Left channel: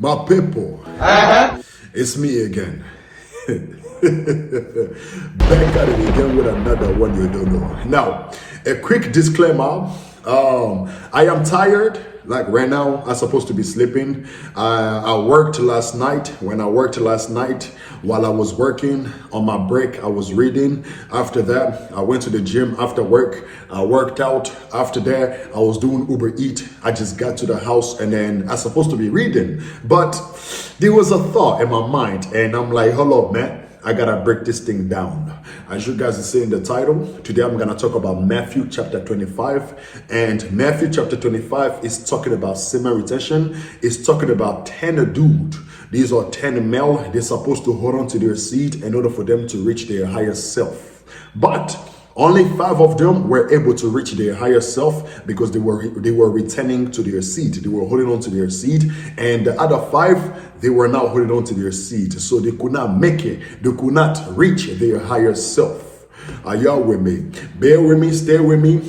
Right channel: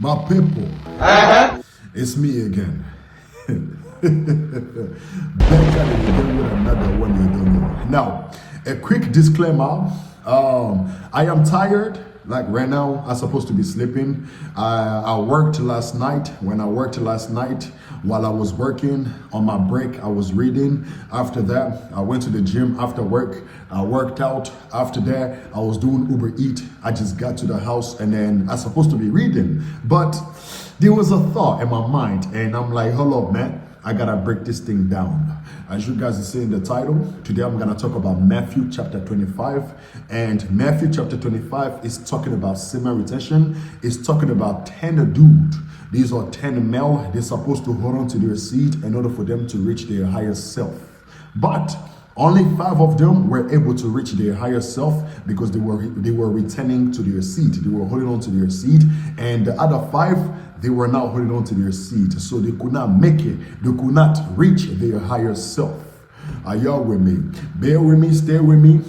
My people, it's me again. Back at it again with another one you don't know. Now, a quick disclaimer. I am tired. Like right now, I'm supposed to be sleeping. I worked last night. When I worked last night, while I was working on my break, I was reading. After that, I went to the gym after work. I worked out. After that, I was doing Uber Eat. I just got to the house and then I'm supposed to be reading. But there was a thought in my mind and I'm like, hold up, man. I gotta break this thing down. As you guys see in the title, today I'm gonna talk about Matthew chapter 25. And Matthew chapter 25 is talking about semen retention. It's talking about 10 dudes. These are 10 male. They're supposed to hold on to their seed in order for them to reach their higher self. But only 5 of them were able to reach their higher self because they were returning to their seed. They were holding on to their seed, and the other 5 they were not holding on to their seed, so they could not make it. They could not reach their higher self. Are y'all with me? Bear with me, stay with me.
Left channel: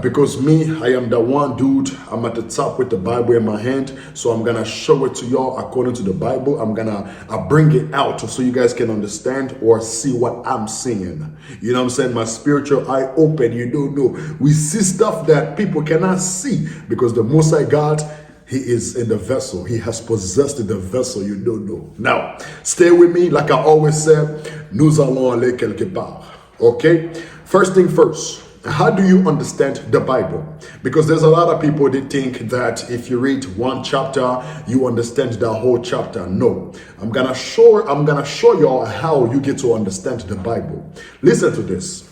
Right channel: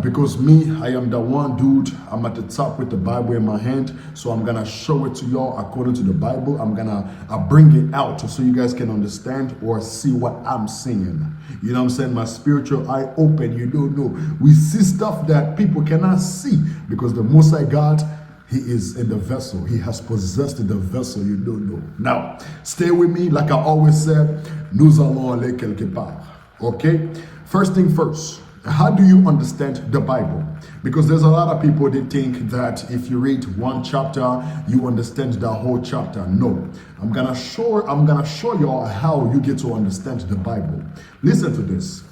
Because me, I am the one dude. I'm at the top with the Bible in my hand, so I'm gonna show it to y'all according to the Bible. I bring it out so you guys can understand or see what I'm seeing. You know what I'm saying? My spiritual eye open. You don't know. We see stuff that people cannot see because the Most High God, He is in the vessel. He has possessed the vessel. You don't know. Now, stay with me. Like I always say, nous allons aller quelque part. Okay? First thing first. How do you understand the Bible? Because there's a lot of people that think that if you read one chapter, you understand the whole chapter. No, I'm gonna show y'all how you get to understand the Bible. Listen to this.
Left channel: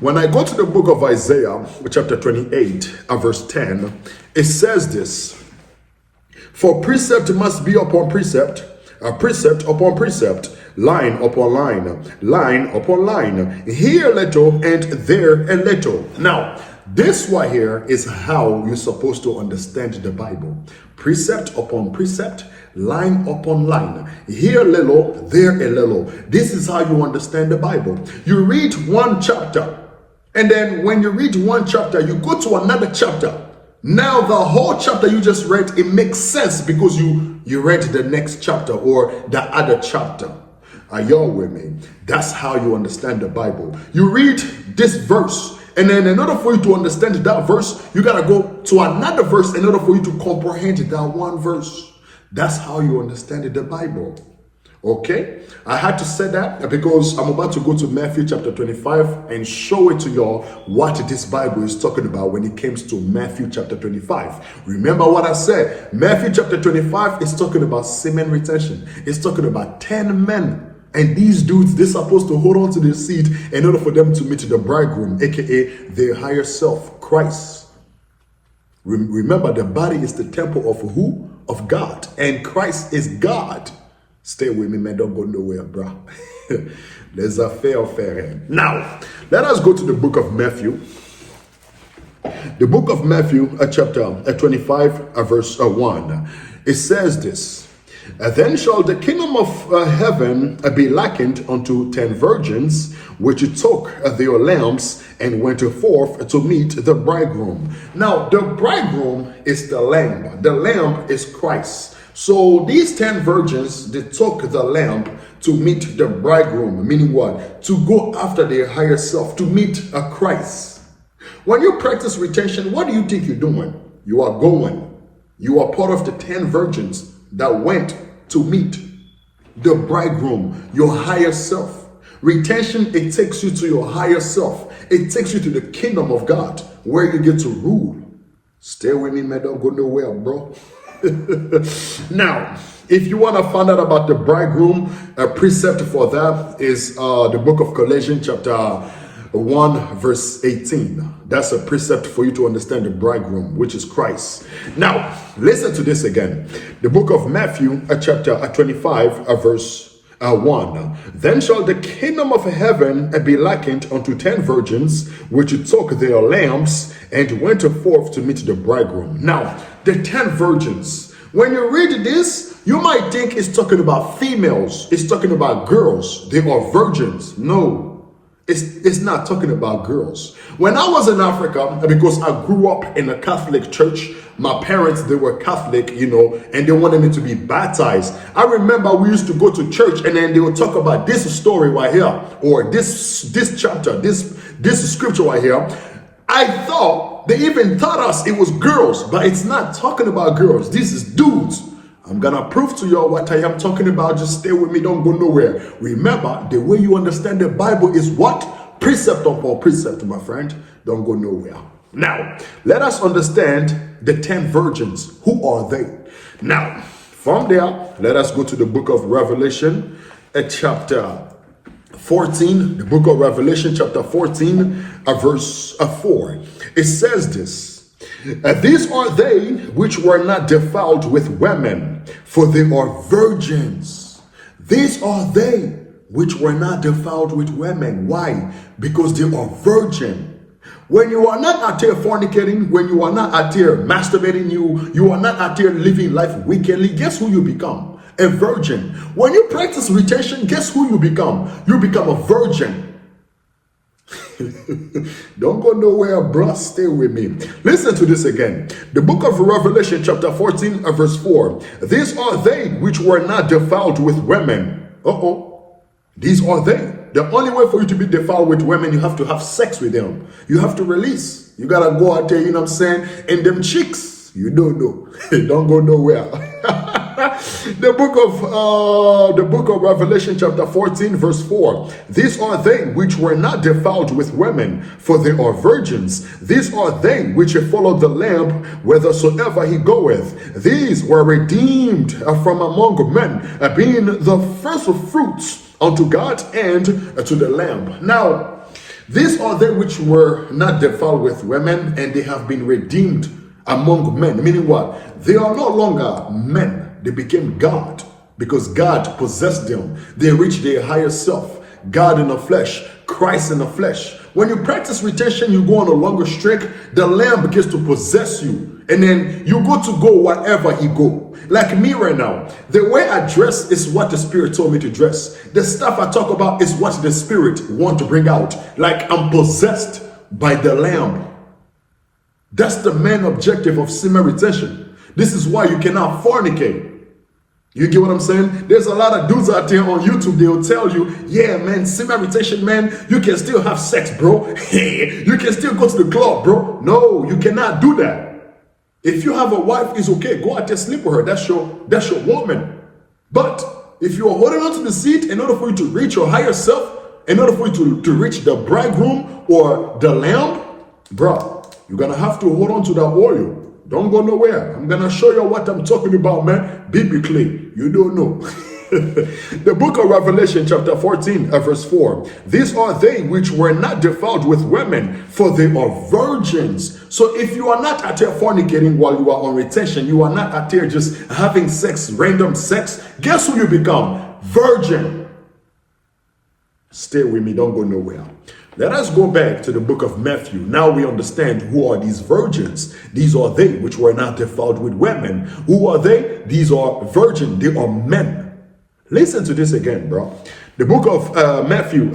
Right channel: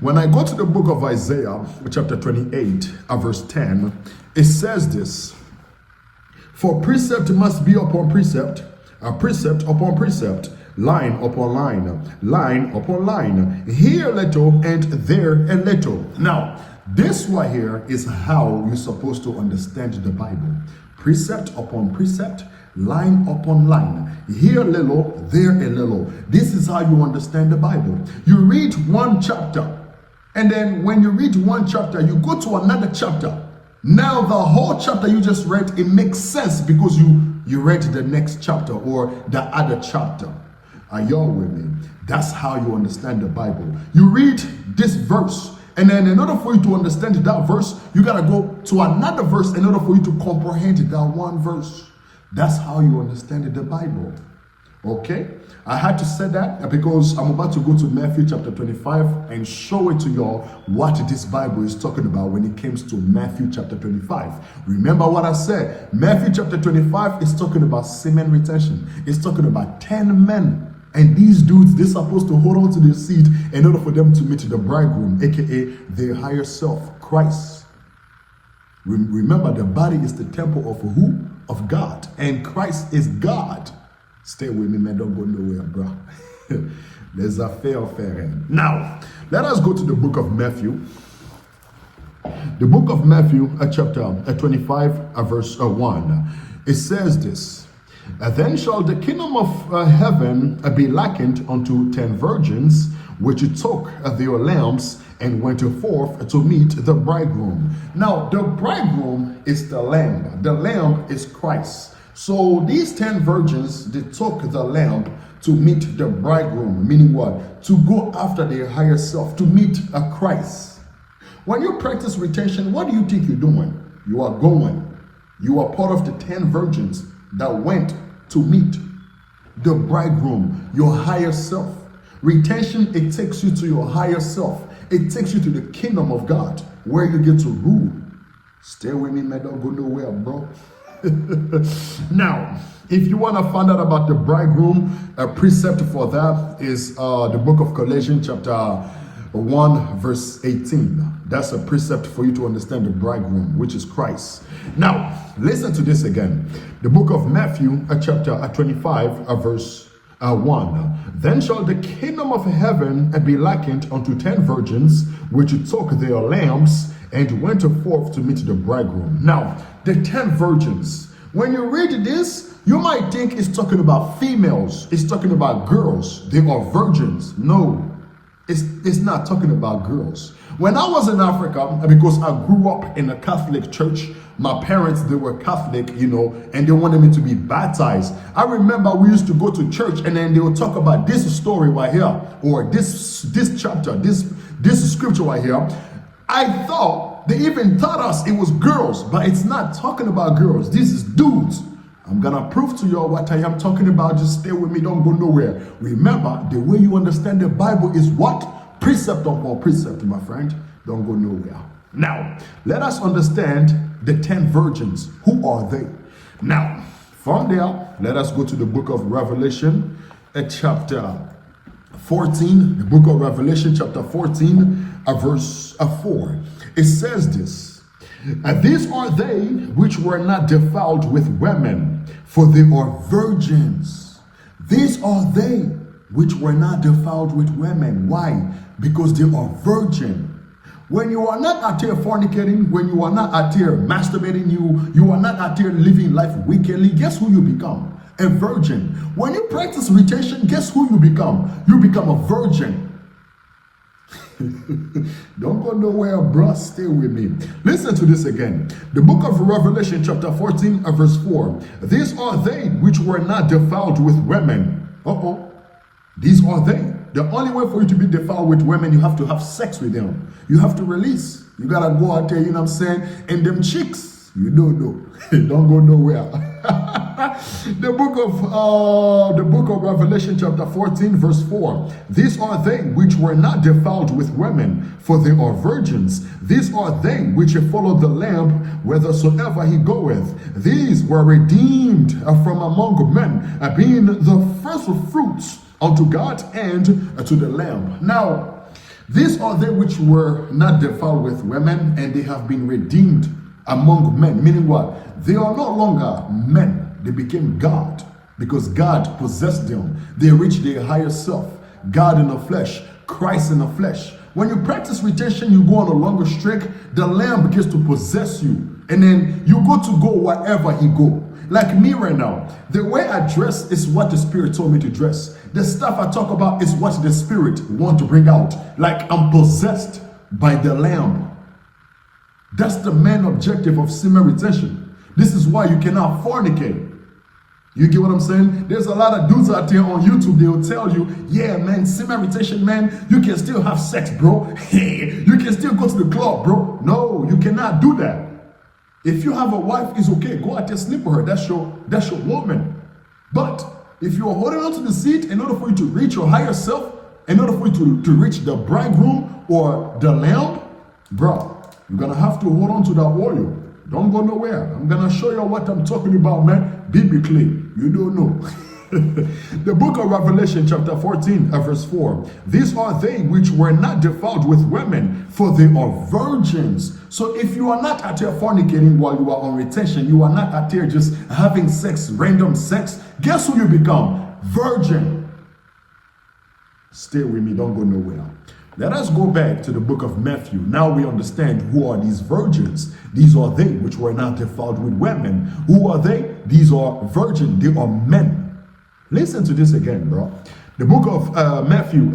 When I go to the book of Isaiah, chapter 28, verse 10, it says this: "For precept must be upon precept, a precept upon precept, line upon line, line upon line, here a little and there a little." Now, this right here is how you're supposed to understand the Bible. Precept upon precept, line upon line, here a little, there a little. This is how you understand the Bible. You read one chapter, and then when you read one chapter, you go to another chapter. Now the whole chapter you just read, it makes sense because you read the next chapter or the other chapter. Are y'all with me? That's how you understand the Bible. You read this verse, and then in order for you to understand that verse, you gotta go to another verse in order for you to comprehend that one verse. That's how you understand the Bible. Okay, I had to say that because I'm about to go to Matthew chapter 25 and show it to y'all what this Bible is talking about when it comes to Matthew chapter 25. Remember what I said? Matthew chapter 25 is talking about semen retention. It's talking about 10 men. And these dudes, they're supposed to hold on to their seed in order for them to meet the bridegroom, aka their higher self, Christ. Remember, the body is the temple of who? Of God. And Christ is God. Stay with me, man. Don't go nowhere, bro. There's a fair. Now, let us go to the book of Matthew. The book of Matthew, chapter 25, verse 1. It says this: "Then shall the kingdom of heaven be likened unto 10 virgins, which took their lamps and went forth to meet the bridegroom." Now, the bridegroom is the lamb. The lamb is Christ. So these 10 virgins, they took the lamp to meet the bridegroom, meaning what? To go after their higher self, to meet a Christ. When you practice retention, what do you think you're doing? You are going. You are part of the 10 virgins that went to meet the bridegroom, your higher self. Retention, it takes you to your higher self. It takes you to the kingdom of God, where you get to rule. Stay with me, man. Don't go nowhere, bro. Now, if you want to find out about the bridegroom, a precept for that is the book of Colossians chapter 1 verse 18. That's a precept for you to understand the bridegroom, which is Christ. Now, listen to this again. The book of Matthew chapter 25 verse 1. "Then shall the kingdom of heaven be likened unto 10 virgins, which took their lamps and went forth to meet the bridegroom." Now, the 10 virgins, when you read this, you might think it's talking about females. It's talking about girls. They are virgins. No, It's not talking about girls. When I was in Africa, because I grew up in a Catholic church, my parents, they were Catholic, and they wanted me to be baptized. I remember we used to go to church and then they would talk about this story right here, or this chapter, this scripture right here. I thought they even taught us it was girls, but it's not talking about girls. This is dudes. I'm gonna prove to y'all what I am talking about. Just stay with me, don't go nowhere. Remember, the way you understand the Bible is what? Precept upon precept, my friend. Don't go nowhere. Now, let us understand the 10 virgins. Who are they? Now, from there, let us go to the book of Revelation, chapter 14. The book of Revelation, chapter 14, verse 4. It says this. These are they which were not defiled with women, for they are virgins. These are they which were not defiled with women. Why? Because they are virgin. When you are not out here fornicating, when you are not out here masturbating, you are not out here living life wickedly, guess who you become? A virgin. When you practice retention, guess who you become? You become a virgin. Don't go nowhere, bro. Stay with me. Listen to this again. The book of Revelation, chapter 14, verse 4. These are they which were not defiled with women. These are they. The only way for you to be defiled with women, you have to have sex with them. You have to release. You gotta go out there, you know what I'm saying? And them chicks, you don't know. Don't go nowhere. The book of Revelation, chapter 14, verse 4. These are they which were not defiled with women, for they are virgins. These are they which follow the Lamb whithersoever he goeth. These were redeemed from among men, being the first fruits unto God and to the Lamb. Now, these are they which were not defiled with women, and they have been redeemed among men. Meaning what? They are no longer men. They became God, because God possessed them. They reached their higher self. God in the flesh, Christ in the flesh. When you practice retention, you go on a longer streak, the Lamb begins to possess you. And then you go wherever he go. Like me right now, the way I dress is what the Spirit told me to dress. The stuff I talk about is what the Spirit want to bring out. Like I'm possessed by the Lamb. That's the main objective of semen retention. This is why you cannot fornicate. You get what I'm saying? There's a lot of dudes out there on YouTube, they'll tell you, yeah, man, semen retention, man, you can still have sex, bro. You can still go to the club, bro. No, you cannot do that. If you have a wife, it's okay. Go out there, sleep with her. That's your woman. But if you're holding on to the seat, in order for you to reach your higher self, in order for you to reach the bridegroom or the lamb, bro, you're going to have to hold on to that oil. Don't go nowhere. I'm going to show you what I'm talking about, man. Biblically, you don't know. The book of Revelation, chapter 14, verse 4. These are they which were not defiled with women, for they are virgins. So if you are not out there fornicating while you are on retention, you are not out there just having sex, random sex, guess who you become? Virgin. Stay with me, don't go nowhere. Let us go back to the book of Matthew. Now we understand who are these virgins. These are they which were not defiled with women. Who are they? These are virgins. They are men. Listen to this again, bro. The book of Matthew,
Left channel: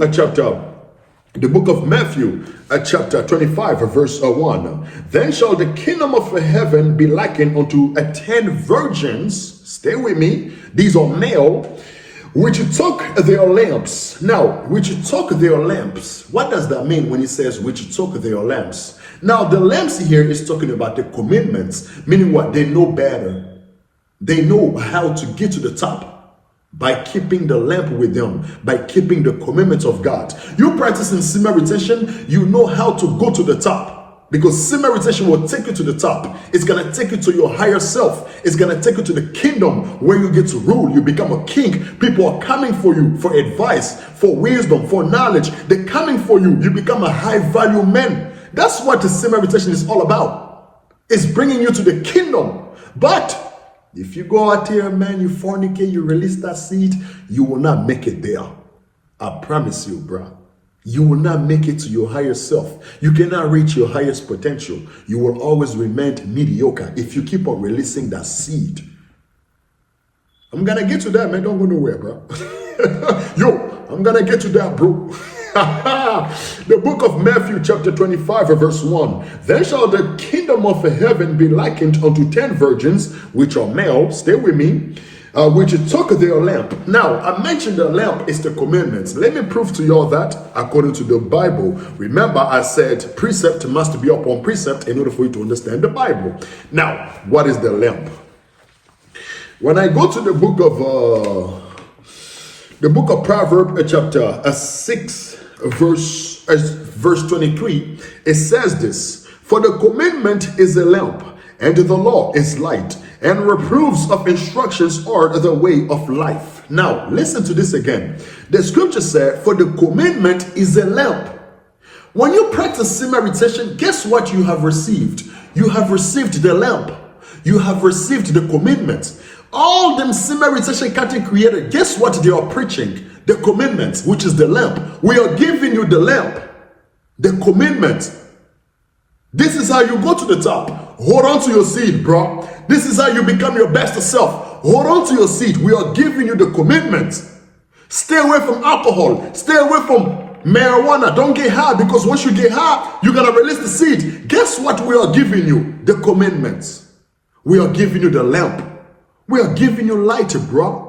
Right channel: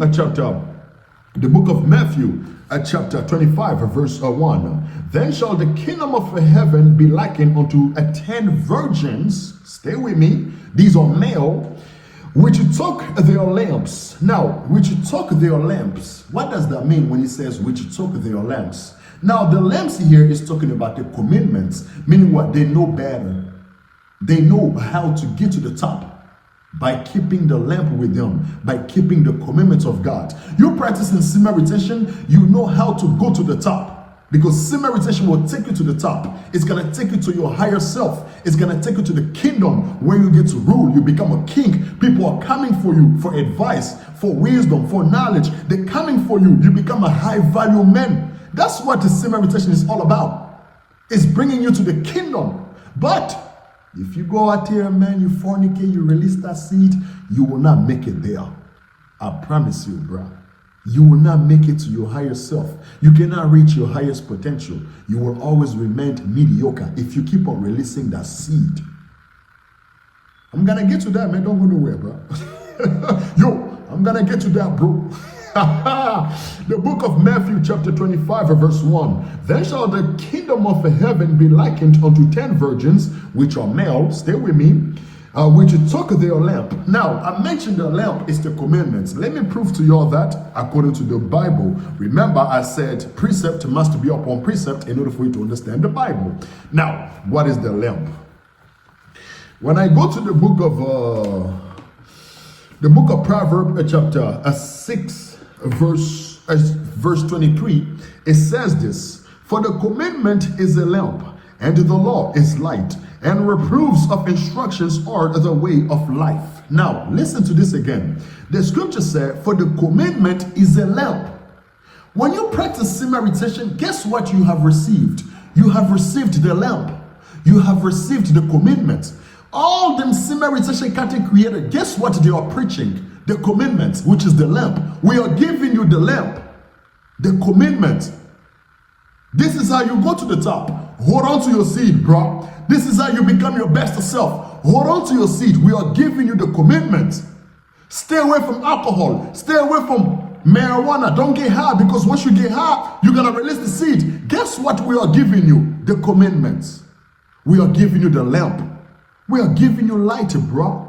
chapter 25, verse 1. Then shall the kingdom of heaven be likened unto 10 virgins. Stay with me. These are male, which took their lamps. Now, which took their lamps. What does that mean when it says which took their lamps? Now, the lamps here is talking about the commitments, meaning what? They know better. They know how to get to the top by keeping the lamp with them, by keeping the commitments of God. You practicing semen retention, you know how to go to the top. Because semen retention will take you to the top. It's going to take you to your higher self. It's going to take you to the kingdom where you get to rule. You become a king. People are coming for you for advice, for wisdom, for knowledge. They're coming for you. You become a high value man. That's what the semen retention is all about. It's bringing you to the kingdom. But if you go out here, man, you fornicate, you release that seed, you will not make it there. I promise you, bro. You will not make it to your higher self. You cannot reach your highest potential. You will always remain mediocre if you keep on releasing that seed. I'm going to get to that, man. Don't go nowhere, bro. Yo, I'm going to get to that, bro. The book of Matthew chapter 25 verse 1. Then shall the kingdom of heaven be likened unto 10 virgins, which are male, stay with me, which took their lamp. Now, I mentioned the lamp is the commandments. Let me prove to you all that according to the Bible. Remember, I said precept must be upon precept in order for you to understand the Bible. Now, what is the lamp? When I go to the book of Proverbs, chapter 6, verse 23, it says this: for the commandment is a lamp, and the law is light, and reproofs of instructions are the way of life. Now, listen to this again. The scripture said, for the commandment is a lamp. When you practice sin meditation, guess what you have received? You have received the lamp. You have received the commandments. All them sin meditation content created, guess what they are preaching? The commandments, which is the lamp. We are giving you the lamp, the commandment. This is how you go to the top. Hold on to your seed, bro. This is how you become your best self. Hold on to your seed. We are giving you the commitment. Stay away from alcohol. Stay away from marijuana. Don't get high, because once you get high, you're going to release the seed. Guess what we are giving you? The commitments. We are giving you the lamp. We are giving you light, bro.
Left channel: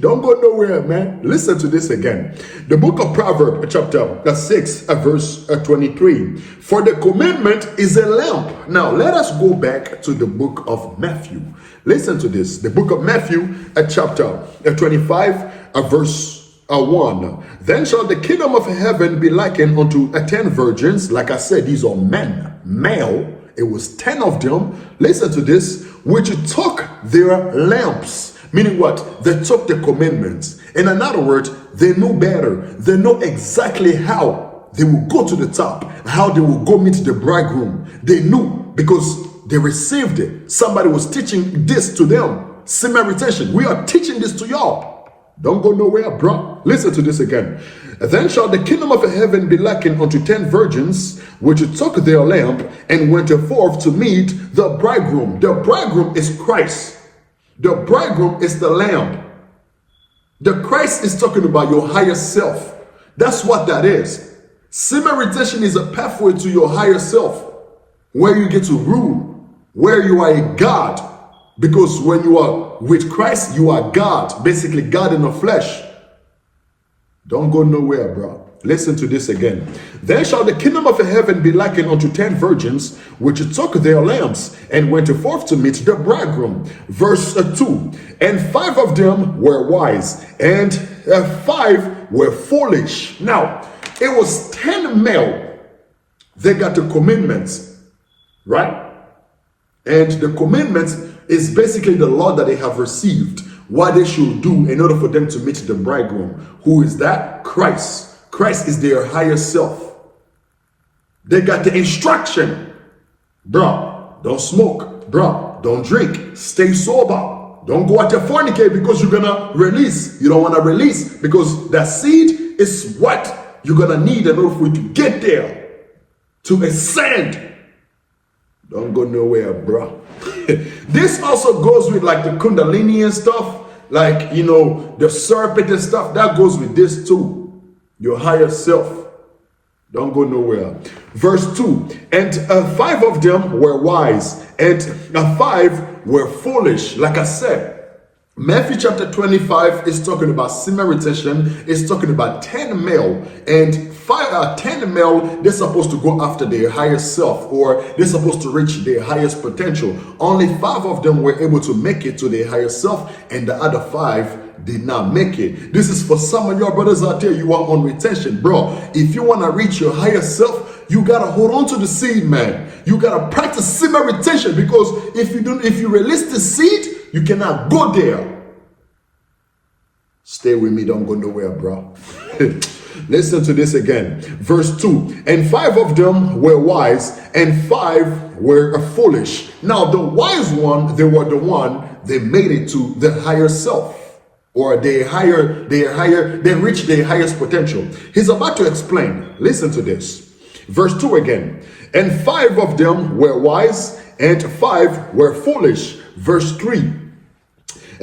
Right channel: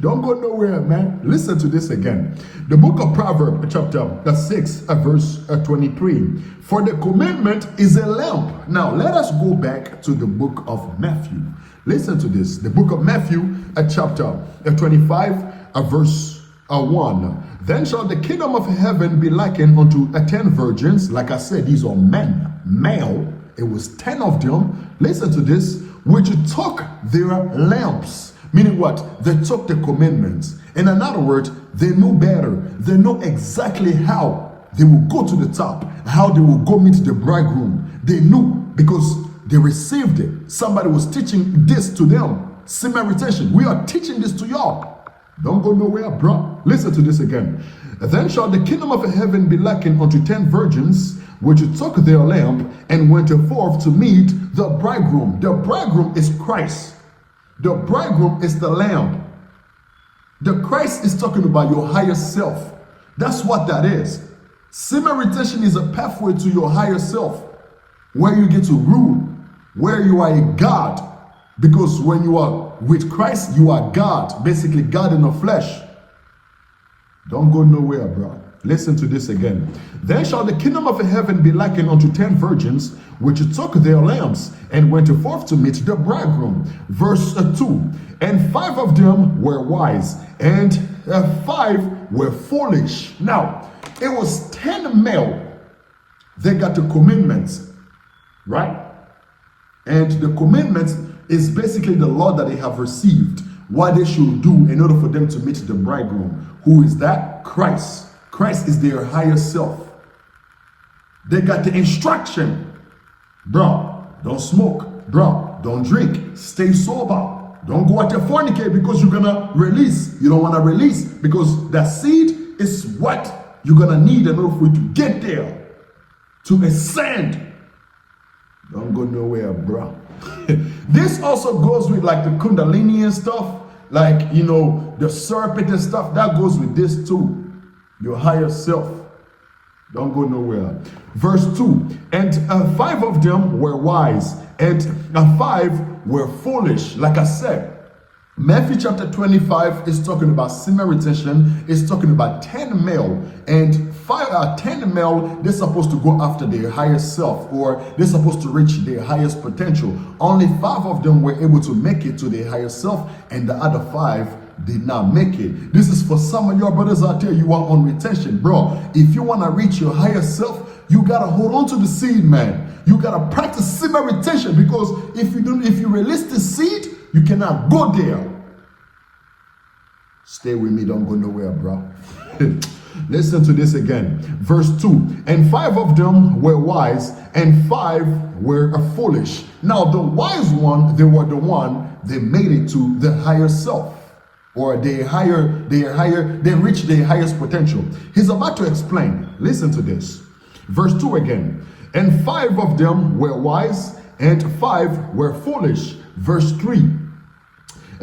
Don't go nowhere, man. Listen to this again. The book of Proverbs, chapter 6, verse 23. For the commandment is a lamp. Now, let us go back to the book of Matthew. Listen to this. The book of Matthew, chapter 25, verse 1. Then shall the kingdom of heaven be likened unto 10 virgins. Like I said, these are men, male. It was 10 of them. Listen to this. Which took their lamps. Meaning what? They took the commandments. In other words, they knew better. They know exactly how they will go to the top, how they will go meet the bridegroom. They knew because they received it. Somebody was teaching this to them. Sin meditation. We are teaching this to y'all. Don't go nowhere, bro. Listen to this again. Then shall the kingdom of heaven be likened unto 10 virgins, which took their lamp and went forth to meet the bridegroom. The bridegroom is Christ. The bridegroom is the lamb. The Christ is talking about your higher self. That's what that is. Sin meditation is a pathway to your higher self, where you get to rule, where you are a God. Because when you are with Christ, you are God. Basically, God in the flesh. Don't go nowhere, bro. Listen to this again. Then shall the kingdom of heaven be likened unto 10 virgins, which took their lamps and went forth to meet the bridegroom. Verse 2. And 5 of them were wise, and 5 were foolish. Now, it was 10 male. They got the commandments, right? And the commandments is basically the law that they have received, what they should do in order for them to meet the bridegroom. Who is that? Christ. Christ is their higher self. They got the instruction. Bro, don't smoke. Bro, don't drink. Stay sober. Don't go out there fornicate because you're gonna release. You don't want to release because that seed is what you're gonna need in order for you to get there, to ascend. Don't go nowhere, bro. This also goes with like the Kundalini and stuff, like, you know, the serpent and stuff. That goes with this too. Your higher self. Don't go nowhere. Verse 2. And 5 of them were wise, and 5 were foolish. Like I said, Matthew chapter 25 is talking about sin meditation. It's talking about 10 male, and 10 male, they're supposed to go after their higher self, or they're supposed to reach their highest potential. Only 5 of them were able to make it to their higher self, and the other 5 did not make it. This is for some of your brothers out there. You are on retention, bro. If you want to reach your higher self, you gotta hold on to the seed, man. You gotta practice sin retention, because if you release the seed, you cannot go there. Stay with me, don't go nowhere, bro. Listen to this again. Verse 2. And 5 of them were wise, and 5 were foolish. Now the wise one, they were the one, they made it to the higher self, or they reached their highest potential. He's about to explain. Listen to this. Verse 2 again. And 5 of them were wise, and 5 were foolish. Verse 3.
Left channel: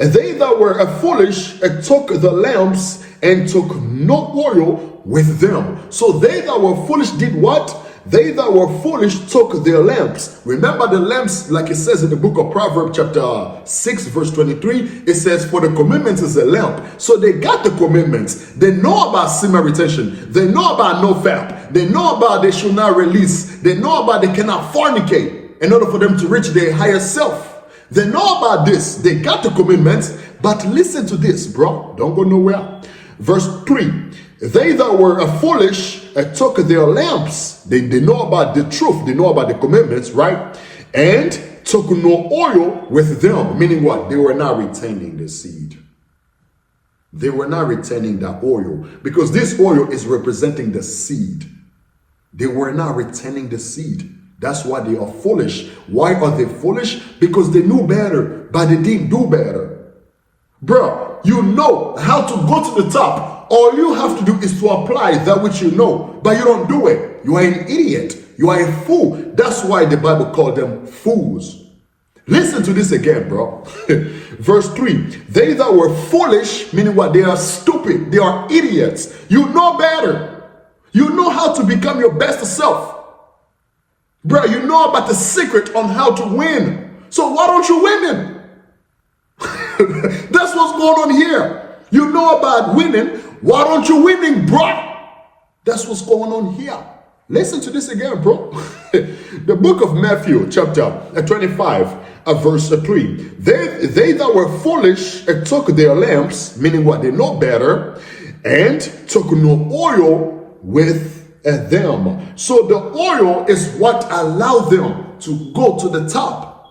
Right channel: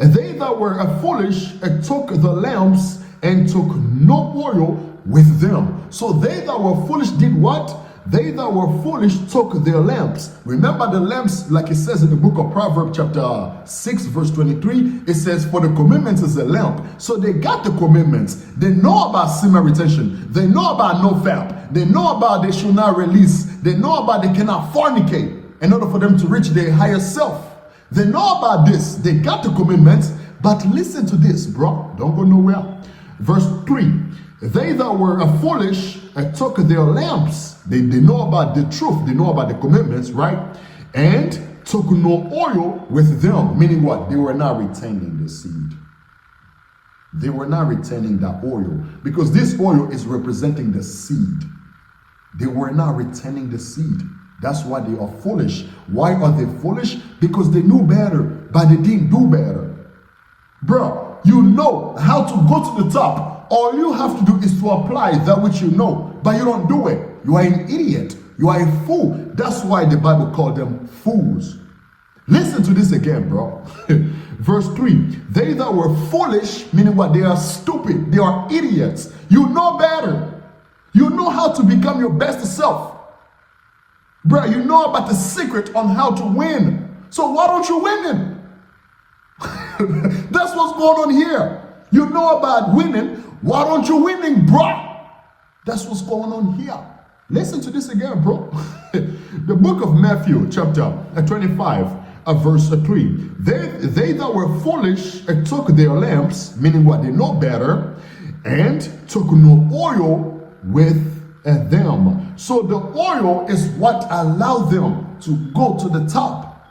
And they that were foolish took the lamps and took no oil with them. So they that were foolish did what? They that were foolish took their lamps. Remember the lamps, like it says in the book of Proverbs chapter 6 verse 23, it says, for the commandments is a lamp. So they got the commandments. They know about semen retention. They know about no fap. They know about they should not release. They know about they cannot fornicate in order for them to reach their higher self. They know about this. They got the commandments. But listen to this, bro. Don't go nowhere. Verse 3. They that were foolish took their lamps. They know about the truth. They know about the commandments, right? And took no oil with them. Meaning what? They were not retaining the seed. They were not retaining that oil. Because this oil is representing the seed. They were not retaining the seed. That's why they are foolish. Why are they foolish? Because they knew better, but they didn't do better. Bro, you know how to go to the top. All you have to do is to apply that which you know, but you don't do it. You are an idiot. You are a fool. That's why the Bible called them fools. Listen to this again, bro. Verse 3. They that were foolish, meaning what? They are stupid. They are idiots. You know better. You know how to become your best self. Bro, you know about the secret on how to win. So why don't you win it? That's what's going on here. You know about winning. Why don't you winning, bro? That's what's going on here. Listen to this again, bro. The book of Matthew, chapter 25, verse 3. They that were foolish took their lamps, meaning what? They know better, and took no oil with them. So the oil is what allowed them to go to the top,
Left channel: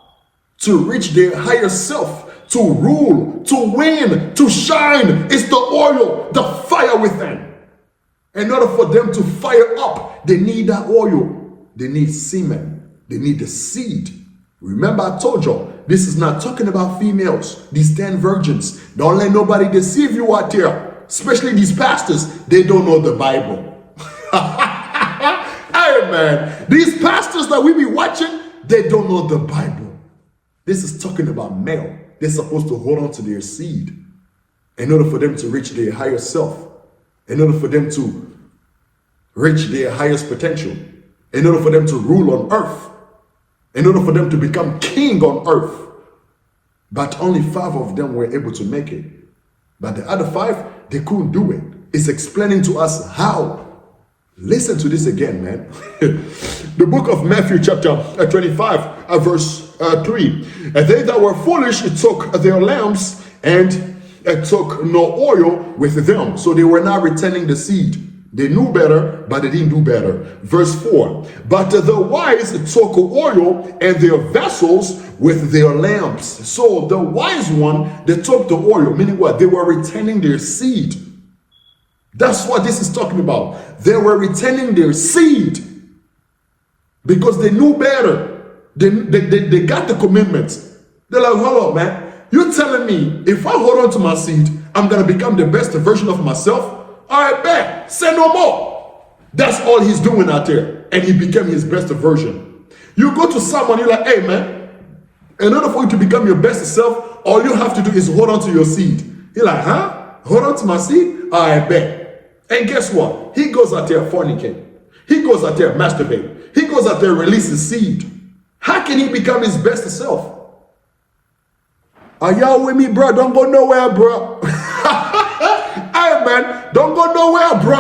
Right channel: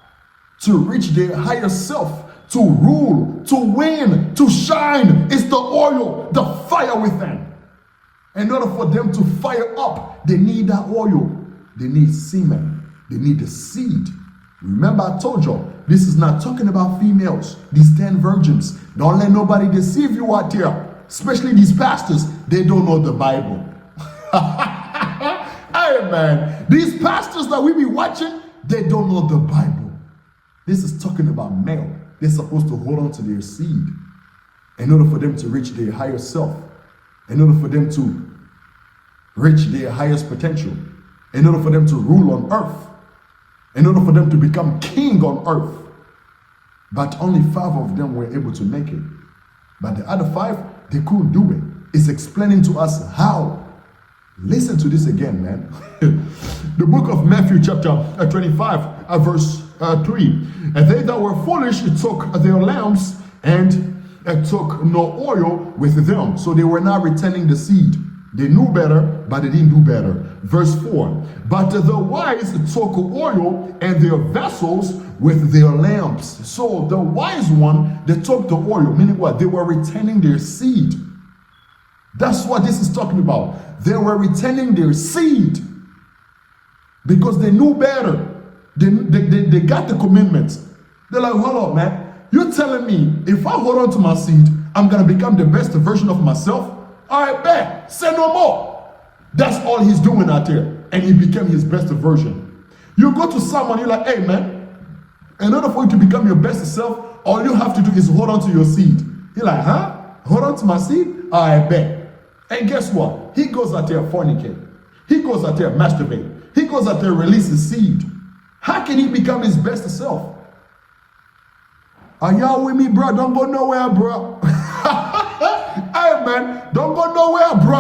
to reach their higher self, to rule, to win, to shine. It's the oil, the fire within. In order for them to fire up, they need that oil. They need semen. They need the seed. Remember, I told you, this is not talking about females, these 10 virgins. Don't let nobody deceive you out there, especially these pastors. They don't know the Bible. Hey, man, these pastors that we be watching, they don't know the Bible. This is talking about male. They're supposed to hold on to their seed in order for them to reach their higher self, in order for them to reach their highest potential, in order for them to rule on earth, in order for them to become king on earth. But only 5 of them were able to make it. But the other 5, they couldn't do it. It's explaining to us how. Listen to this again, man. The book of Matthew chapter 25, verse 3. And they that were foolish took their lamps and took no oil with them. So they were not retaining the seed. They knew better, but they didn't do better. Verse 4. But the wise took oil and their vessels with their lamps. So the wise one, they took the oil, meaning what? They were retaining their seed. That's what this is talking about. They were retaining their seed because they knew better. They got the commitments. They're like, hold on, man. You're telling me if I hold on to my seed, I'm going to become the best version of myself? All right, bet. Say no more. That's all he's doing out there. And he became his best version. You go to someone, you're like, hey, man, in order for you to become your best self, all you have to do is hold on to your seed. You're like, huh? Hold on to my seed? All right, bet. And guess what? He goes out there fornicate. He goes out there masturbate. He goes out there release his seed. How can he become his best self? Are y'all with me, bro? Don't go nowhere, bro. Hey, man, don't go nowhere, bro.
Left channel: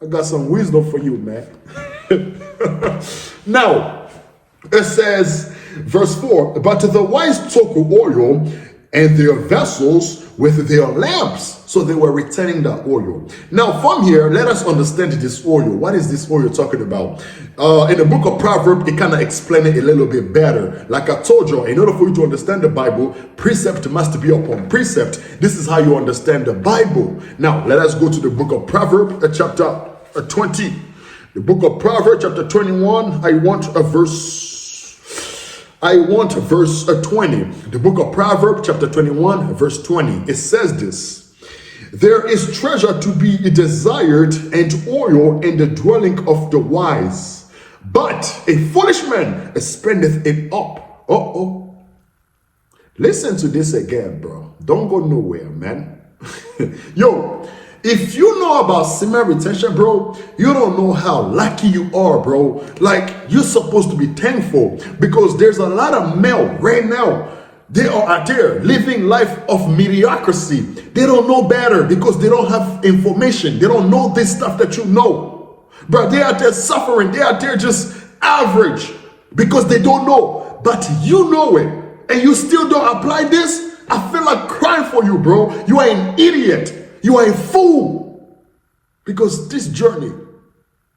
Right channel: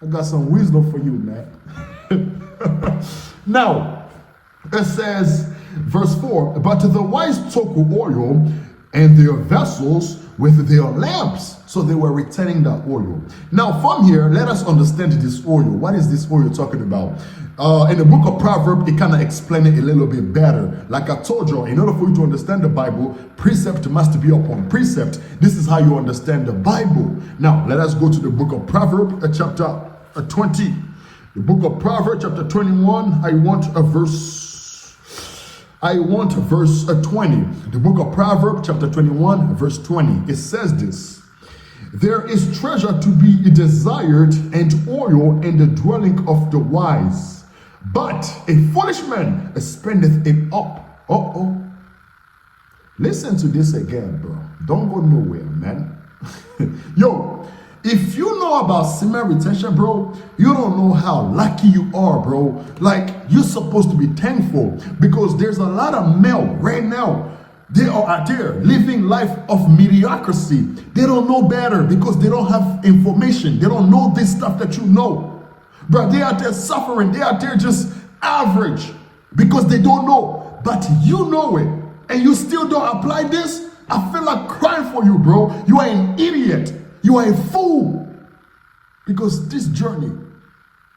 I got some wisdom for you, man. Now, it says, verse 4, but the wise took oil and their vessels with their lamps. So they were retaining the oil. Now from here, let us understand this oil. What is this oil talking about? In the book of Proverbs, it kind of explains it a little bit better. Like I told you, in order for you to understand the Bible, precept must be upon precept. This is how you understand the Bible. Now, let us go to the book of Proverbs, chapter 20. The book of Proverbs, chapter 21. I want verse 20. The book of Proverbs, chapter 21, verse 20. It says this. There is treasure to be desired and oil in the dwelling of the wise, but a foolish man spendeth it up. Listen to this again, bro. Don't go nowhere, man. Yo, if you know about semen retention, bro, you don't know how lucky you are, bro. Like, you're supposed to be thankful because there's a lot of male right now. They are out there living life of mediocrity. They don't know better because they don't have information. They don't know this stuff that you know. Bro, they out there suffering. They out there just average because they don't know. But you know it. And you still don't apply this? I feel like crying for you, bro. You are an idiot. You are a fool. Because this journey,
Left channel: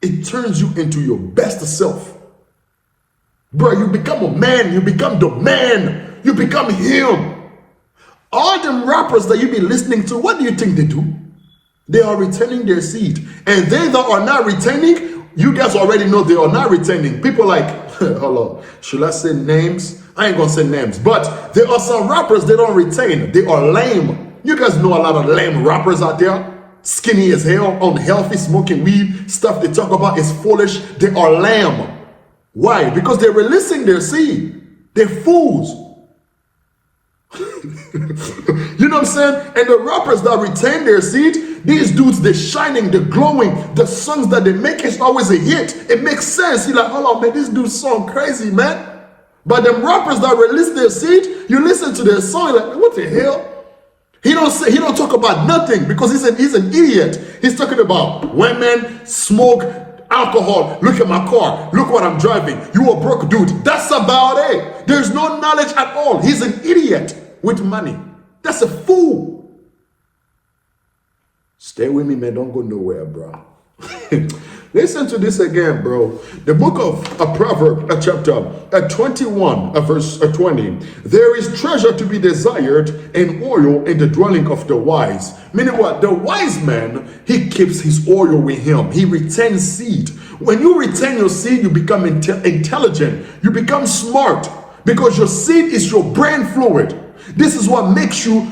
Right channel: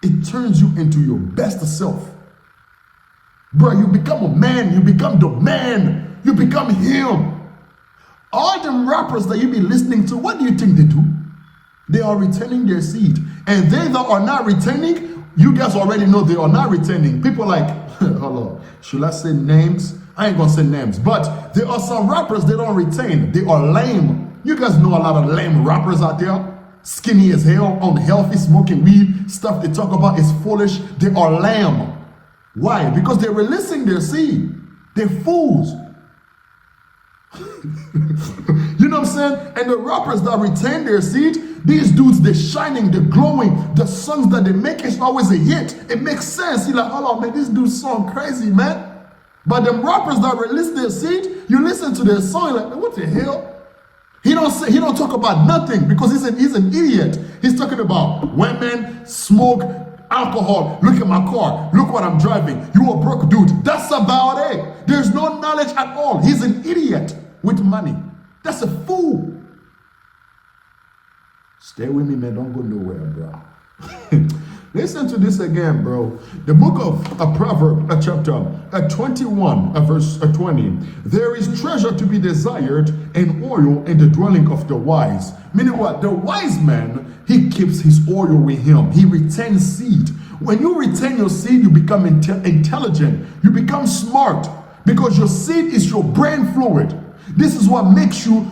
it turns you into your best self. Bro, you become a man. You become the man. You become him. All them rappers that you be listening to, what do you think they do? They are retaining their seed. And they that are not retaining, you guys already know they are not retaining. People like, hold on, should I say names? I ain't gonna say names, but there are some rappers they don't retain. They are lame. You guys know a lot of lame rappers out there. Skinny as hell, unhealthy, smoking weed. Stuff they talk about is foolish. They are lame. Why? Because they're releasing their seed. They're fools. You know what I'm saying? And the rappers that retain their seed, these dudes, they're shining, they're glowing. The songs that they make is always a hit. It makes sense. You're like, hold on, man, this dude's song crazy, man. But them rappers that release their seed, you listen to their song, you're like, what the hell? He don't talk about nothing because he's an idiot. He's talking about women, smoke, alcohol. Look at my car. Look what I'm driving. You a broke dude. That's about it. There's no knowledge at all. He's an idiot with money. That's a fool. Stay with me, man. Don't go nowhere, bro. Listen to this again, bro. The book of Proverbs, chapter 21, verse 20. There is treasure to be desired and oil in the dwelling of the wise. Meaning what? The wise man, he keeps his oil with him. He retains seed. When you retain your seed, you become intelligent. You become smart because your seed is your brain fluid. This is what makes you,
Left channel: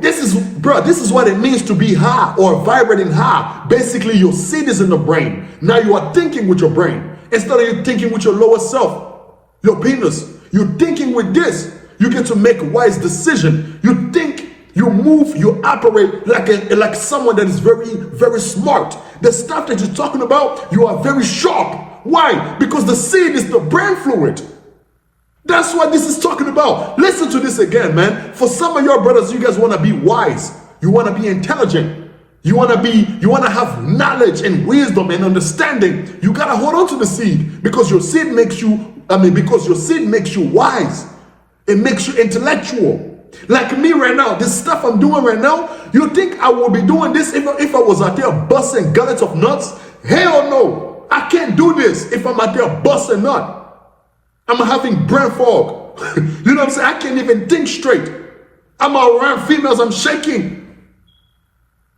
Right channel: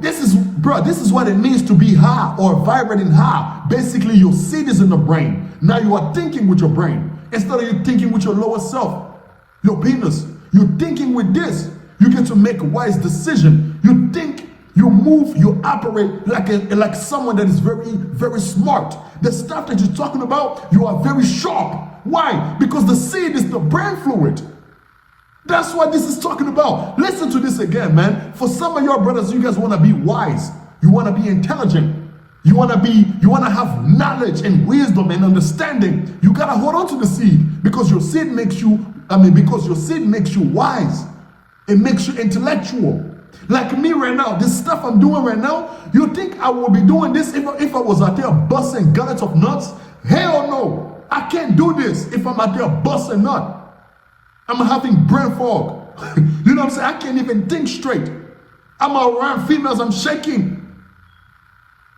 this is what it means to be high or vibrating high. Basically, your seed is in the brain. Now you are thinking with your brain. Instead of you thinking with your lower self, your penis. You're thinking with this. You get to make wise decision. You think, you move, you operate like someone that is very, very smart. The stuff that you're talking about, you are very sharp. Why? Because the seed is the brain fluid. That's what this is talking about. Listen to this again, man. For some of your brothers, you guys want to be wise. You want to be intelligent. You want to have knowledge and wisdom and understanding. You got to hold on to the seed because your seed makes you, wise. It makes you intellectual. Like me right now, this stuff I'm doing right now, you think I would be doing this if I was out there busting gullets of nuts? Hell no. I can't do this if I'm out there busting nuts. I'm having brain fog. You know what I'm saying? I can't even think straight. I'm around females, I'm shaking.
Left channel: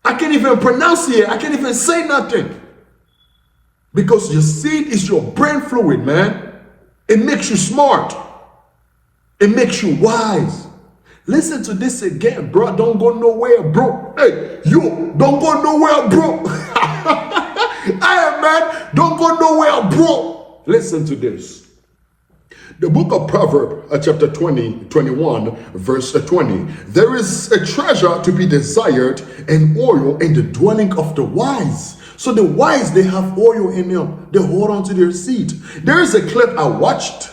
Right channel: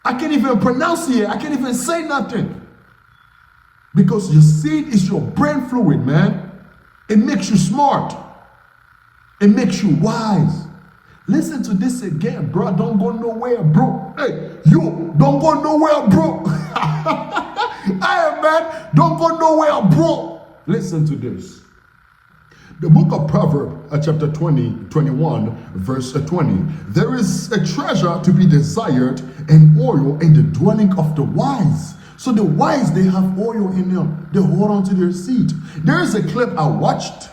I can't even pronounce it. I can't even say nothing. Because your seed is your brain fluid, man. It makes you smart. It makes you wise. Listen to this again, bro. Don't go nowhere, bro. Hey, you, don't go nowhere, bro. Hey, man, don't go nowhere, bro. Listen to this. The book of Proverbs, chapter 21, verse 20. There is a treasure to be desired and oil in the dwelling of the wise. So the wise, they have oil in them. They hold on to their seed. There is a clip I watched.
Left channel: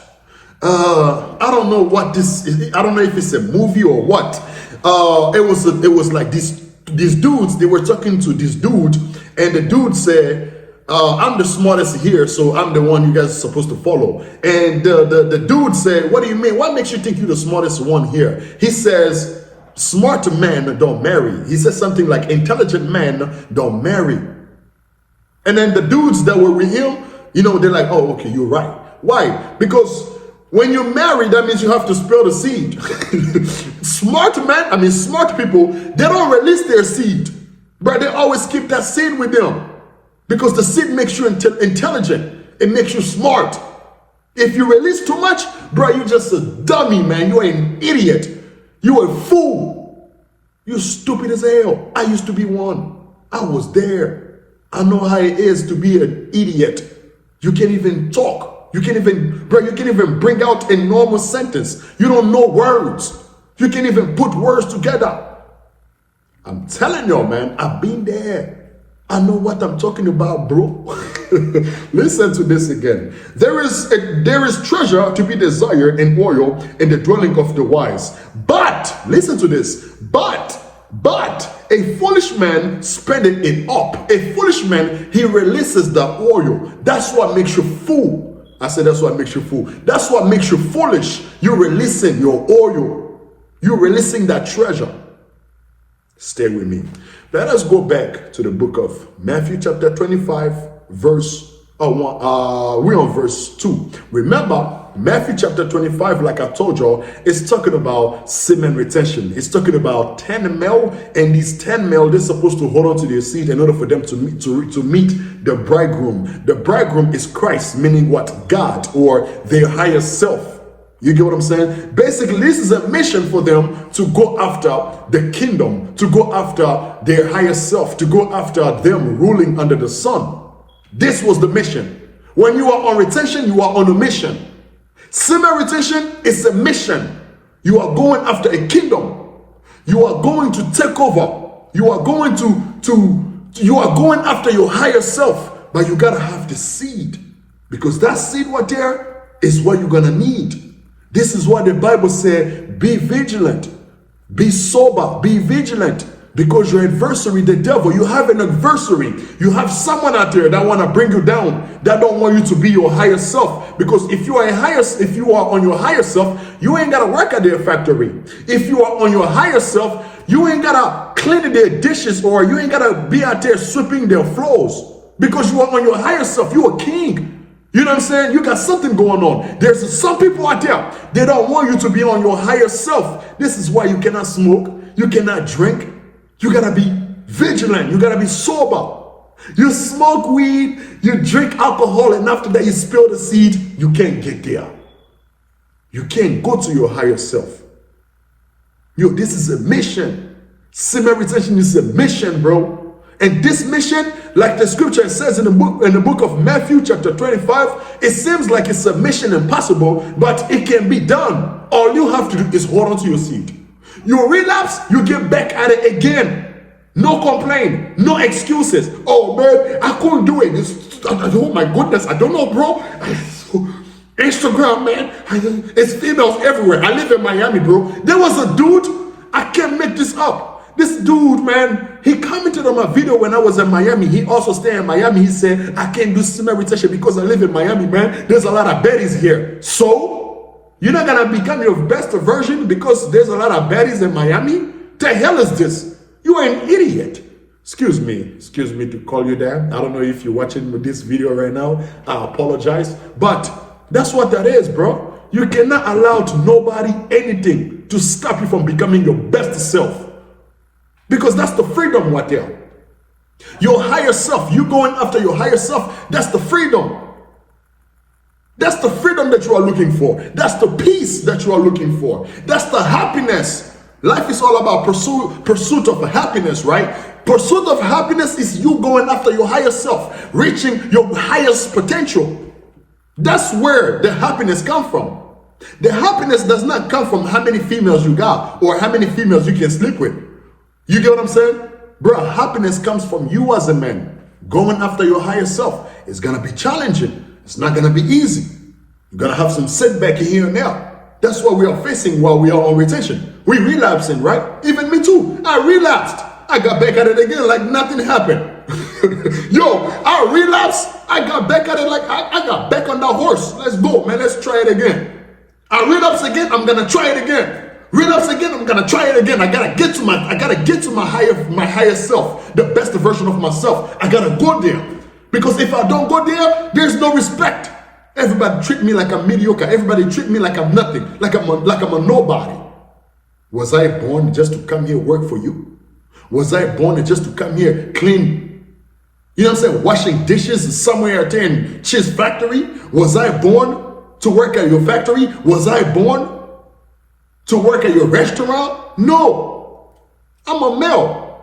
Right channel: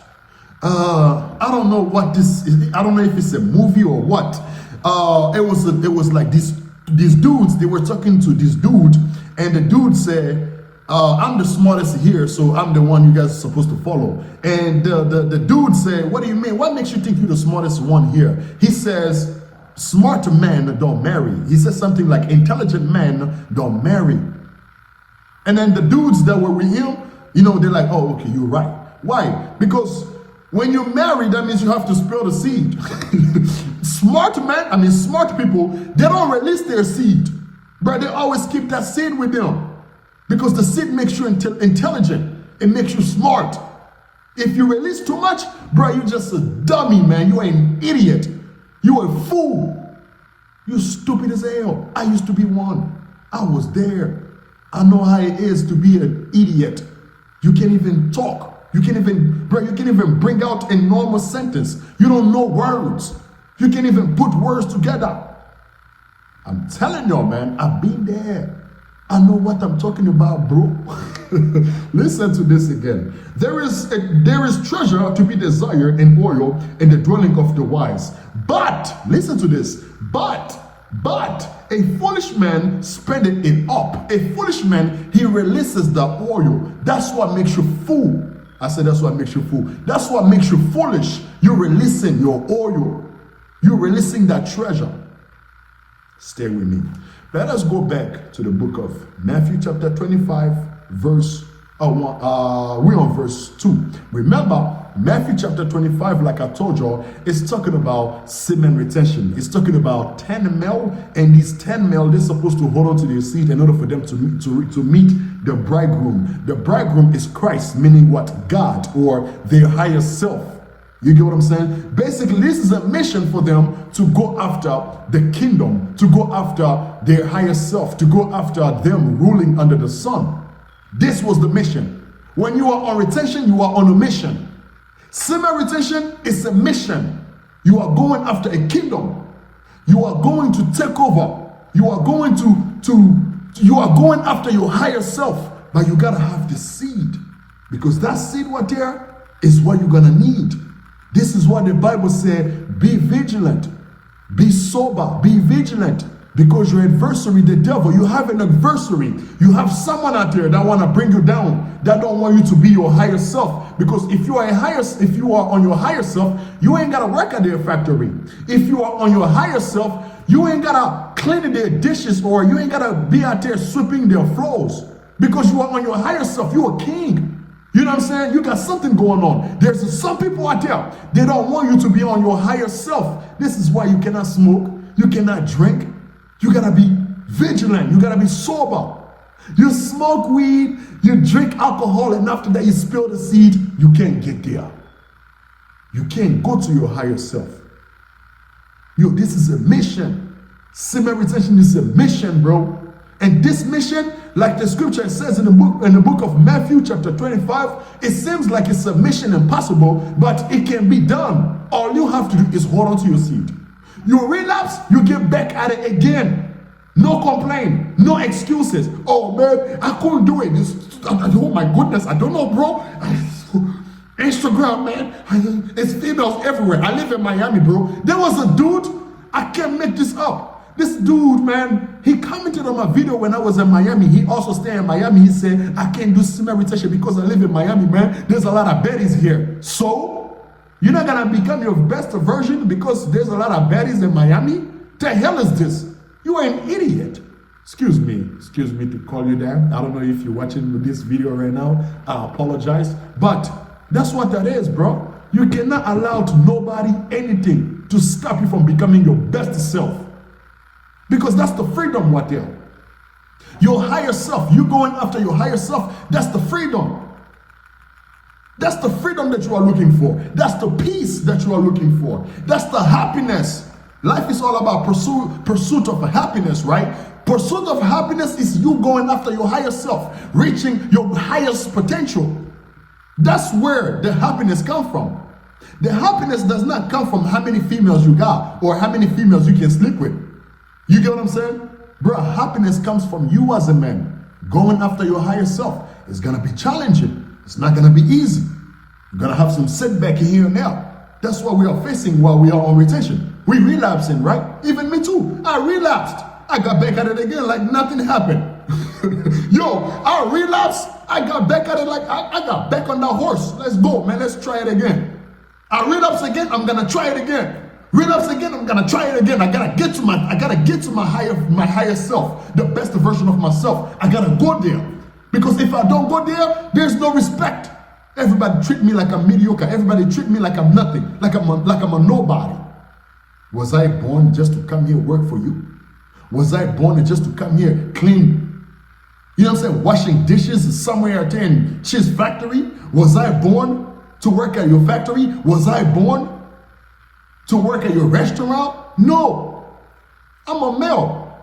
I don't know what this is. I don't know if it's a movie or what. It was like these dudes, they were talking to this dude, and the dude said, I'm the smartest here, so I'm the one you guys are supposed to follow. And the dude said, what do you mean? What makes you think you're the smartest one here? He says, smart men don't marry. He says something like, intelligent men don't marry. And then the dudes that were with him, they're like, oh, okay, you're right. Why? Because when you marry, that means you have to spill the seed. Smart people, they don't release their seed, but they always keep that seed with them. Because the seed makes you intelligent. It makes you smart. If you release too much, bro, you're just a dummy, man. You're an idiot. You're a fool. You're stupid as hell. I used to be one. I was there. I know how it is to be an idiot. You can't even talk. You can't even bring out a normal sentence. You don't know words. You can't even put words together. I'm telling y'all, man, I've been there. I know what I'm talking about, bro. Listen to this again. There is treasure to be desired in oil in the dwelling of the wise. But, listen to this, but a foolish man spendeth it up. A foolish man, he releases the oil. That's what makes you fool. I said that's what makes you fool. That's what makes you foolish. You're releasing your oil. You're releasing that treasure. Stay with me. Let us go back to the book of Matthew chapter 25, verse 1. We're on verse 2. Remember, Matthew chapter 25, like I told y'all, is talking about semen retention. It's talking about 10 male, and these 10 male, they're supposed to hold on to their seed in order for them to meet the bridegroom. The bridegroom is Christ, meaning what? God, or their higher self. You get what I'm saying? Basically, this is a mission for them to go after the kingdom, to go after their higher self, to go after them ruling under the sun. This was the mission. When you are on retention, you are on a mission. Semen retention is a mission. You are going after a kingdom. You are going to take over. You are going you are going after your higher self, but you gotta have the seed, because that seed right there is what you're gonna need. This is what the Bible said, be vigilant, be sober, be vigilant, because your adversary, the devil, you have an adversary. You have someone out there that want to bring you down, that don't want you to be your higher self. Because if you are on your higher self, you ain't got to work at their factory. If you are on your higher self, you ain't got to clean their dishes, or you ain't got to be out there sweeping their floors, because you are on your higher self. You are king. You know what I'm saying? You got something going on. There's some people out there, they don't want you to be on your higher self. This is why you cannot smoke, you cannot drink. You gotta be vigilant, you gotta be sober. You smoke weed, you drink alcohol, and after that you spill the seed, you can't get there. You can't go to your higher self. Yo, this is a mission. Semen retention is a mission, bro. And this mission, like the scripture says in the book of Matthew chapter 25, it seems like it's a mission impossible, but it can be done. All you have to do is hold on to your seed. You relapse, you get back at it again. No complaint, no excuses. Oh man, I couldn't do it. Oh my goodness, I don't know, bro. Instagram, man, it's females everywhere. I live in Miami, bro. There was a dude, I can't make this up. This dude, man, he commented on my video when I was in Miami. He also stayed in Miami. He said, I can't do semen retention because I live in Miami, man. There's a lot of baddies here. So, you're not going to become your best version because there's a lot of baddies in Miami? The hell is this? You are an idiot. Excuse me to call you that. I don't know if you're watching this video right now. I apologize. But that's what that is, bro. You cannot allow to nobody anything to stop you from becoming your best self. Because that's the freedom right there. Your higher self, you going after your higher self, that's the freedom. That's the freedom that you are looking for. That's the peace that you are looking for. That's the happiness. Life is all about pursuit of happiness, right? Pursuit of happiness is you going after your higher self, reaching your highest potential. That's where the happiness comes from. The happiness does not come from how many females you got or how many females you can sleep with. You get what I'm saying? Bro, happiness comes from you as a man. Going after your higher self is going to be challenging. It's not going to be easy. You're going to have some setback here and there. That's what we are facing while we are on retention. We relapsing, right? Even me too. I relapsed. I got back at it again like nothing happened. Yo, I relapsed. I got back at it like I got back on that horse. Let's go, man. Let's try it again. I relapse again. I'm going to try it again. Relapse again, I'm gonna try it again. I gotta get to my higher self, the best version of myself. I gotta go there. Because if I don't go there, there's no respect. Everybody treat me like I'm mediocre. Everybody treat me like I'm nothing, like I'm a nobody. Was I born just to come here work for you? Was I born just to come here clean? You know what I'm saying? Washing dishes somewhere out there in Cheese Factory? Was I born to work at your factory? Was I born to work at your restaurant? No. I'm a male.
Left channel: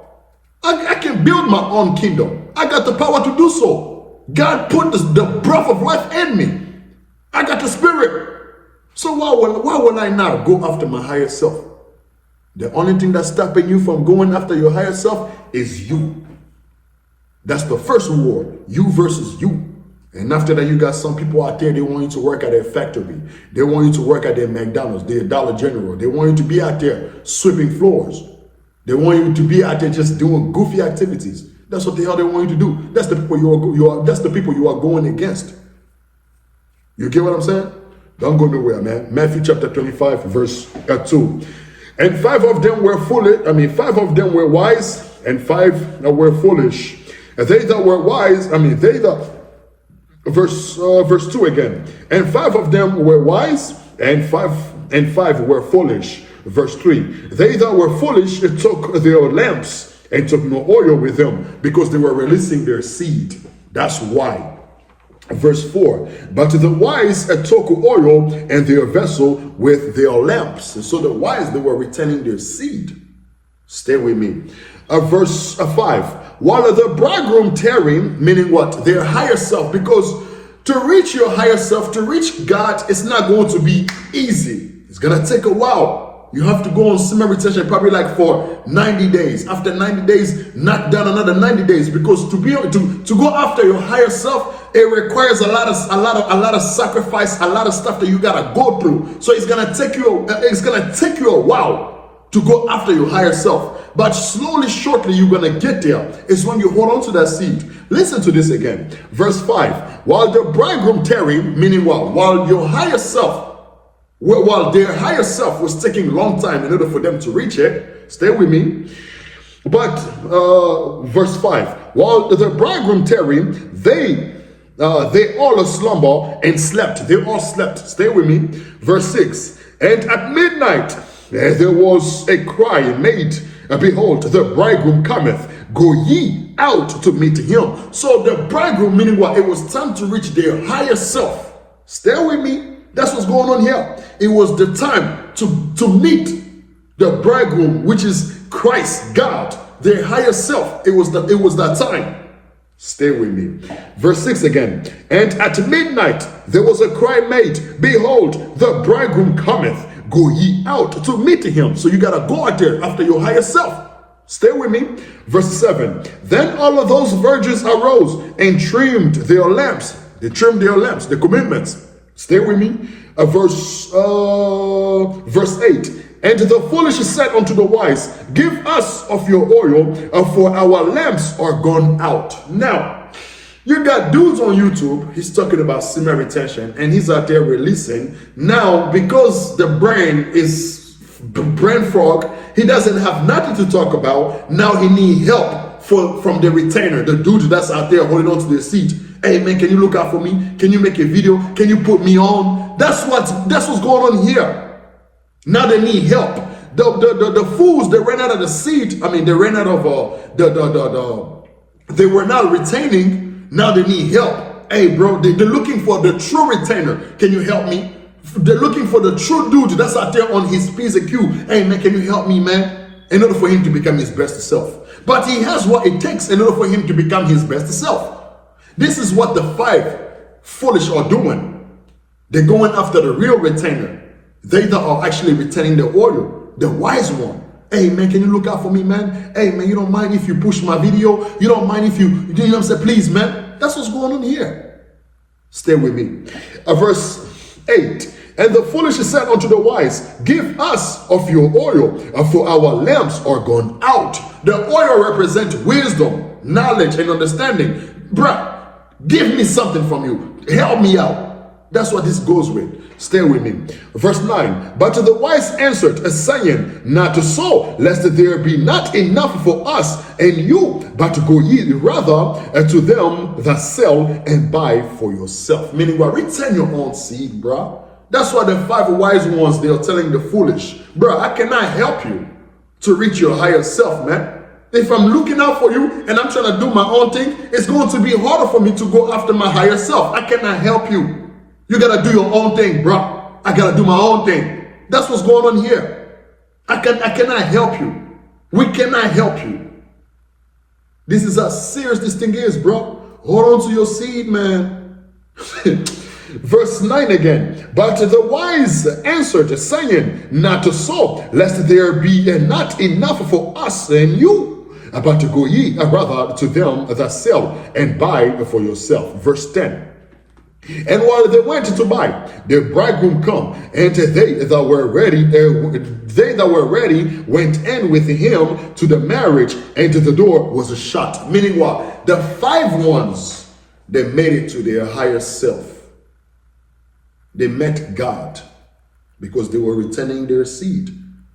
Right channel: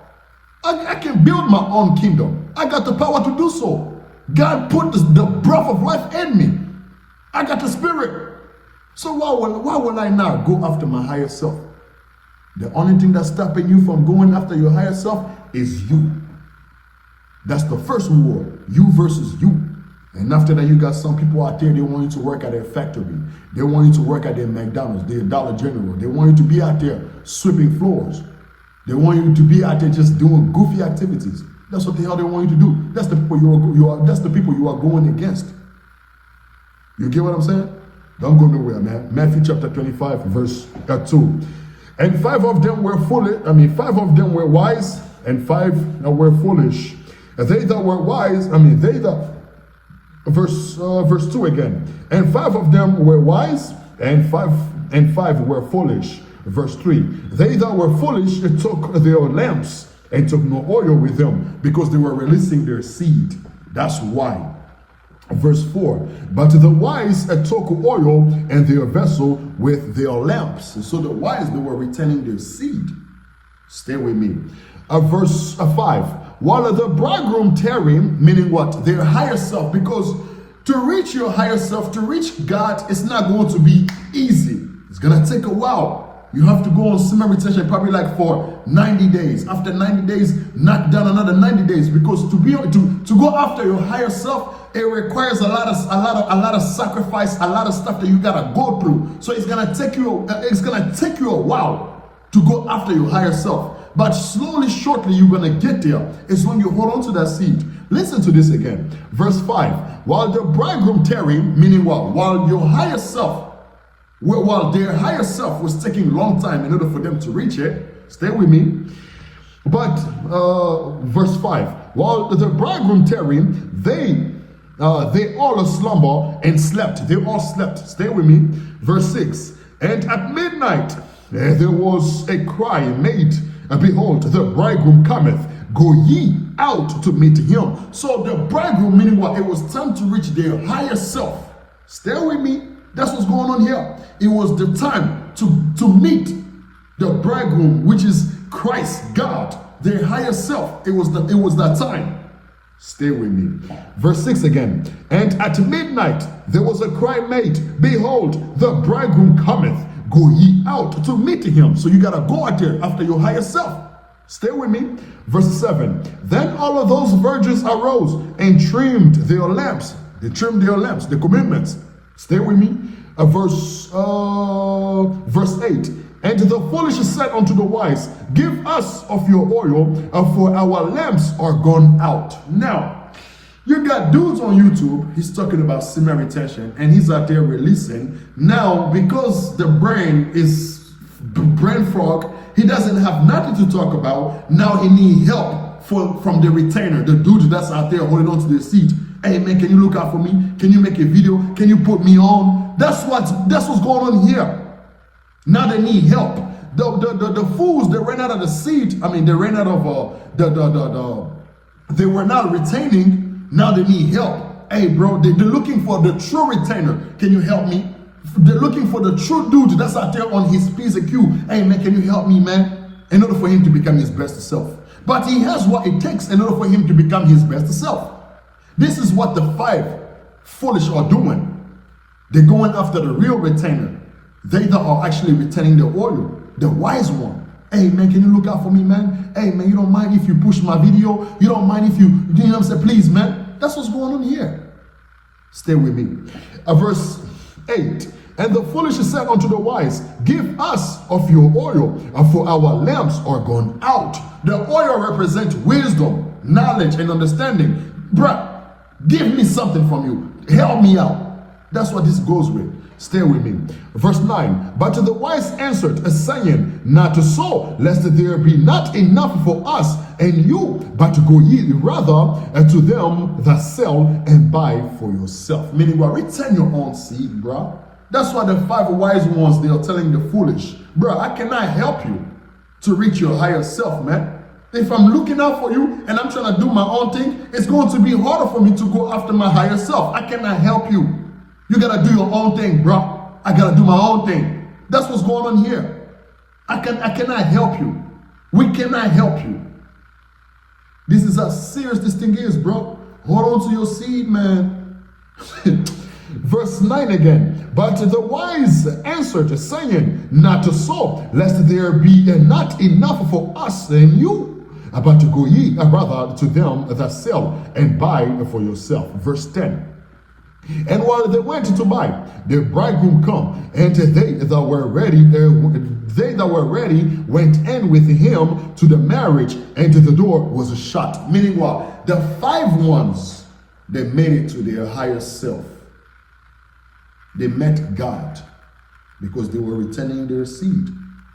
I can build my own kingdom. I got the power to do so. God put the breath of life in me. I got the spirit. So why will I not go after my higher self? The only thing that's stopping you from going after your higher self is you. That's the first war, you versus you. And after that, you got some people out there, they want you to work at their factory. They want you to work at their McDonald's, their Dollar General. They want you to be out there sweeping floors. They want you to be out there just doing goofy activities. That's what the hell they want you to do. That's the people that's the people you are going against. You get what I'm saying? Don't go nowhere, man. Matthew chapter 25, verse 2. And 5 of them were foolish. 5 of them were wise, and 5 were foolish. And they that were wise, verse 2 again. And 5 of them were wise, and five were foolish. Verse 3. They that were foolish took their lamps and took no oil with them, because they were releasing their seed. That's why. Verse 4. But the wise took oil and their vessel with their lamps. And so the wise, they were retaining their seed. Stay with me. Verse 5. While the bridegroom tarried, meaning what? Their higher self. Because to reach your higher self, to reach God, it's not going to be easy. It's going to take a while. You have to go on semen retention probably like for 90 days. After 90 days, knock down another 90 days. Because to be able to go after your higher self, it requires a lot of sacrifice, a lot of stuff that you gotta go through. So it's gonna take you a while to go after your higher self. But slowly, shortly, you're gonna get there. It's when you hold on to that seed. Listen to this again. Verse 5. While the bridegroom tarried, meaning what? While their higher self was taking a long time in order for them to reach it. Stay with me. But verse 5. While the bridegroom tarried, they all slumber and slept. They all slept. Stay with me. Verse 6. And at midnight there was a cry made, behold, the bridegroom cometh. Go ye out to meet him. So the bridegroom, meaning what? It was time to reach their higher self. Stay with me. That's what's going on here. It was the time to meet the bridegroom, which is Christ, God, their higher self. It was that time. Stay with me. Verse 6 again. And at midnight there was a cry made, behold, the bridegroom cometh. Go ye out to meet him. So you gotta go out there after your higher self. Stay with me. Verse 7. Then all of those virgins arose and trimmed their lamps. They trimmed their lamps, the commandments. Stay with me. Verse 8. And the foolish said unto the wise, give us of your oil, for our lamps are gone out. Now, you got dudes on YouTube, he's talking about semen retention, and he's out there releasing. Now, because the brain is brain frog, he doesn't have nothing to talk about. Now he need help from the retainer, the dude that's out there holding on to the seat. Hey man, can you look out for me? Can you make a video? Can you put me on? That's what's going on here. Now they need help. The fools, they ran out of the seat. They ran out of they were not retaining. Now they need help. Hey bro, they're looking for the true retainer. Can you help me? They're looking for the true dude that's out there on his P's and Q. Hey man, can you help me, man? In order for him to become his best self. But he has what it takes in order for him to become his best self. This is what the 5 foolish are doing. They're going after the real retainer. They that are actually retaining the oil, the wise one. Hey man, can you look out for me, man? Hey man, you don't mind if you push my video? You don't mind if you know what I'm saying? Please, man. That's what's going on here. Stay with me. Verse 8. And the foolish said unto the wise, give us of your oil, for our lamps are gone out. The oil represents wisdom, knowledge, and understanding. Bruh, give me something from you. Help me out. That's what this goes with. Stay with me. Verse 9. But the wise answered, saying, not so, lest there be not enough for us and you, but go ye rather to them that sell and buy for yourself. Meaning, well, return your own seed, bruh. That's why the 5 wise ones, they are telling the foolish, bruh, I cannot help you to reach your higher self, man. If I'm looking out for you and I'm trying to do my own thing, it's going to be harder for me to go after my higher self. I cannot help you. You gotta do your own thing, bro. I gotta do my own thing. That's what's going on here. I cannot help you. We cannot help you. This is how serious this thing is, bro. Hold on to your seed, man. Verse 9 again. But the wise answered, saying, not so, lest there be not enough for us and you. But to go ye rather to them that sell and buy for yourself. Verse 10. And while they went to buy, the bridegroom come, and they that were ready went in with him to the marriage, and the door was shut. Meaning what? The 5 ones, they made it to their higher self. They met God because they were returning their seed.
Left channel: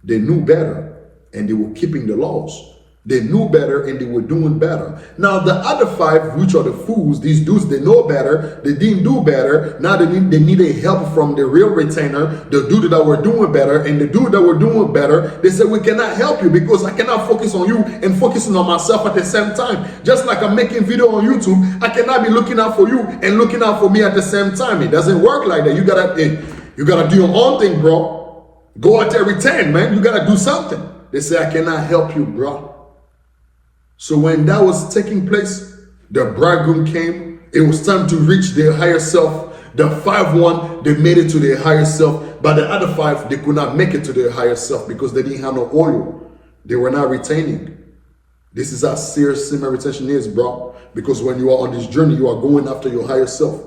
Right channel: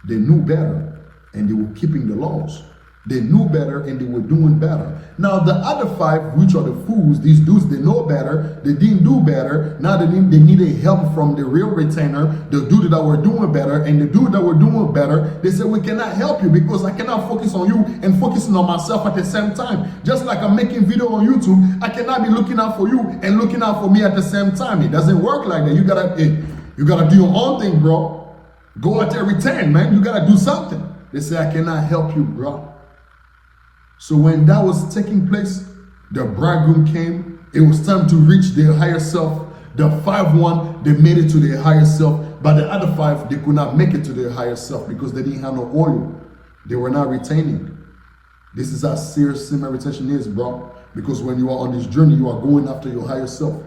They knew better and they were keeping the laws. They knew better and they were doing better. Now the other 5, which are the fools, these dudes, they know better, they didn't do better. Now they needed help from the real retainer, the dude that were doing better, and the dude that were doing better, they said, we cannot help you because I cannot focus on you and focusing on myself at the same time. Just like I'm making video on YouTube, I cannot be looking out for you and looking out for me at the same time. It doesn't work like that. You gotta do your own thing, bro. Go out there, retain, man. You gotta do something. They say, I cannot help you, bro. So when that was taking place, the bridegroom came. It was time to reach their higher self. The 5 they made it to their higher self, but the other 5, they could not make it to their higher self because they didn't have no oil. They were not retaining. This is how serious semen retention is, bro. Because when you are on this journey, you are going after your higher self.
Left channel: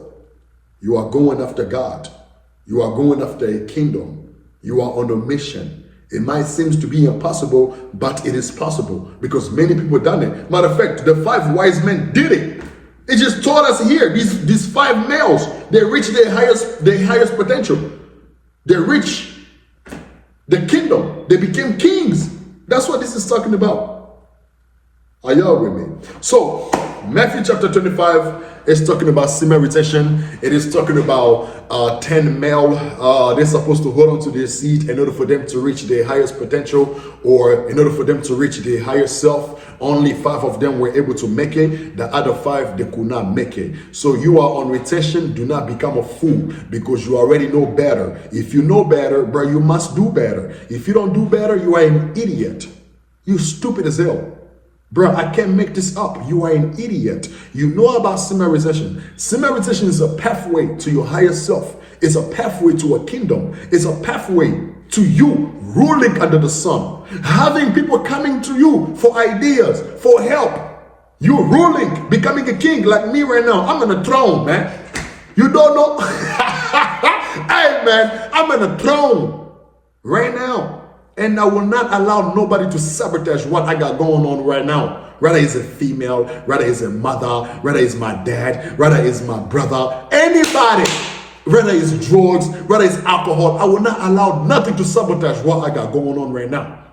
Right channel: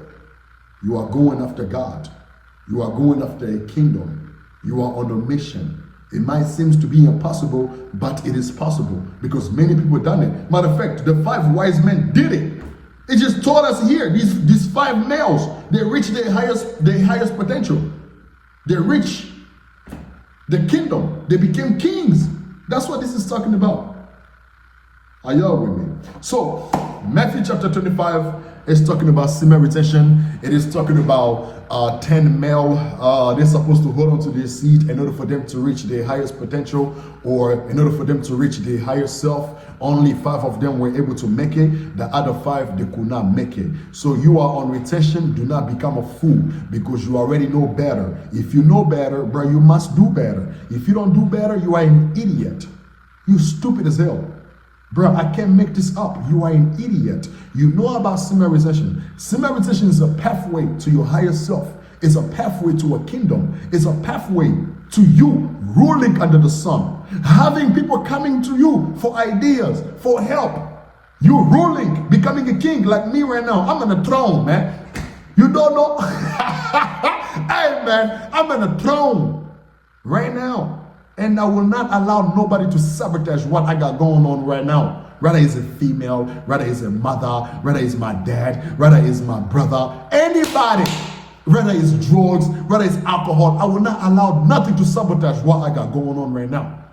You are going after God. You are going after a kingdom. You are on a mission. It might seem to be impossible, but it is possible because many people done it. Matter of fact, the 5 wise men did it. It just taught us here. These 5 males, they reached their highest potential. They reached the kingdom. They became kings. That's what this is talking about. Are y'all with me? So Matthew chapter 25 is talking about semen retention. It is talking about 10 male. They're supposed to hold on to their seed in order for them to reach their highest potential, or in order for them to reach their higher self. Only 5 of them were able to make it. The other 5, they could not make it. So you are on retention. Do not become a fool because you already know better. If you know better, bro, you must do better. If you don't do better, you are an idiot. You stupid as hell. Bro, I can't make this up. You are an idiot. You know about semen retention. Semen retention is a pathway to your higher self. It's a pathway to a kingdom. It's a pathway to you ruling under the sun. Having people coming to you for ideas, for help. You ruling, becoming a king like me right now. I'm on a throne, man. You don't know? Hey, man, I'm on a throne right now. And I will not allow nobody to sabotage what I got going on right now. Whether it's a female, whether it's a mother, whether it's my dad, whether it's my brother, anybody, whether it's drugs, whether it's alcohol, I will not allow nothing to sabotage what I got going on right now.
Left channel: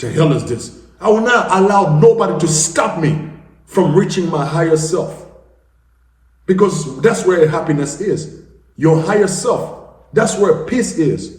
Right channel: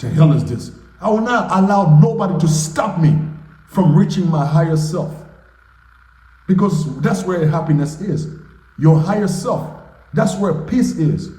The hell is this? I will not allow nobody to stop me from reaching my higher self. Because that's where happiness is. Your higher self. That's where peace is.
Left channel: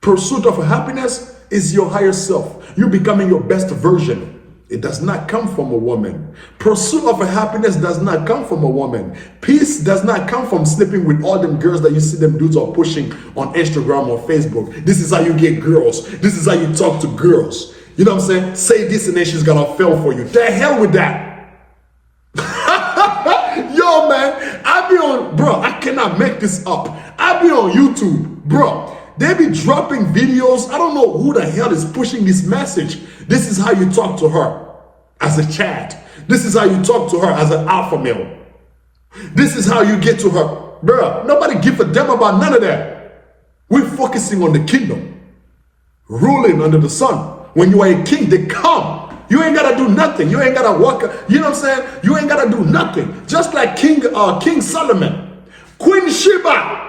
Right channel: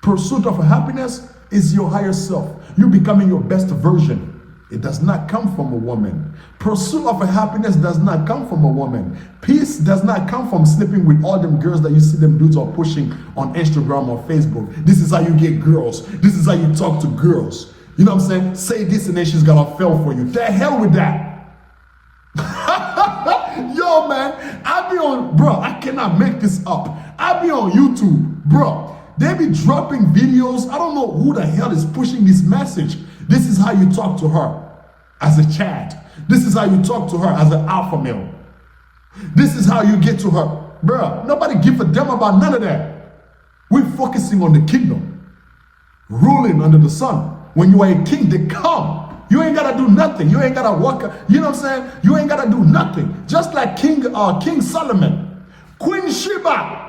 Pursuit of happiness is your higher self. You becoming your best version. It does not come from a woman. Pursuit of happiness does not come from a woman. Peace does not come from sleeping with all them girls that you see them dudes are pushing on Instagram or Facebook. This is how you get girls. This is how you talk to girls. You know what I'm saying? Say this and then she's gonna fail for you. The hell with that. Yo, man, I be on, bro, I cannot make this up. I be on YouTube, bro. They be dropping videos. I don't know who the hell is pushing this message. This is how you talk to her as a chat. This is how you talk to her as an alpha male. This is how you get to her. Bruh, nobody give a damn about none of that. We're focusing on the kingdom. Ruling under the sun. When you are a king, they come. You ain't gotta do nothing. You ain't gotta walk. You know what I'm saying? You ain't gotta do nothing. Just like King Solomon. Queen Sheba.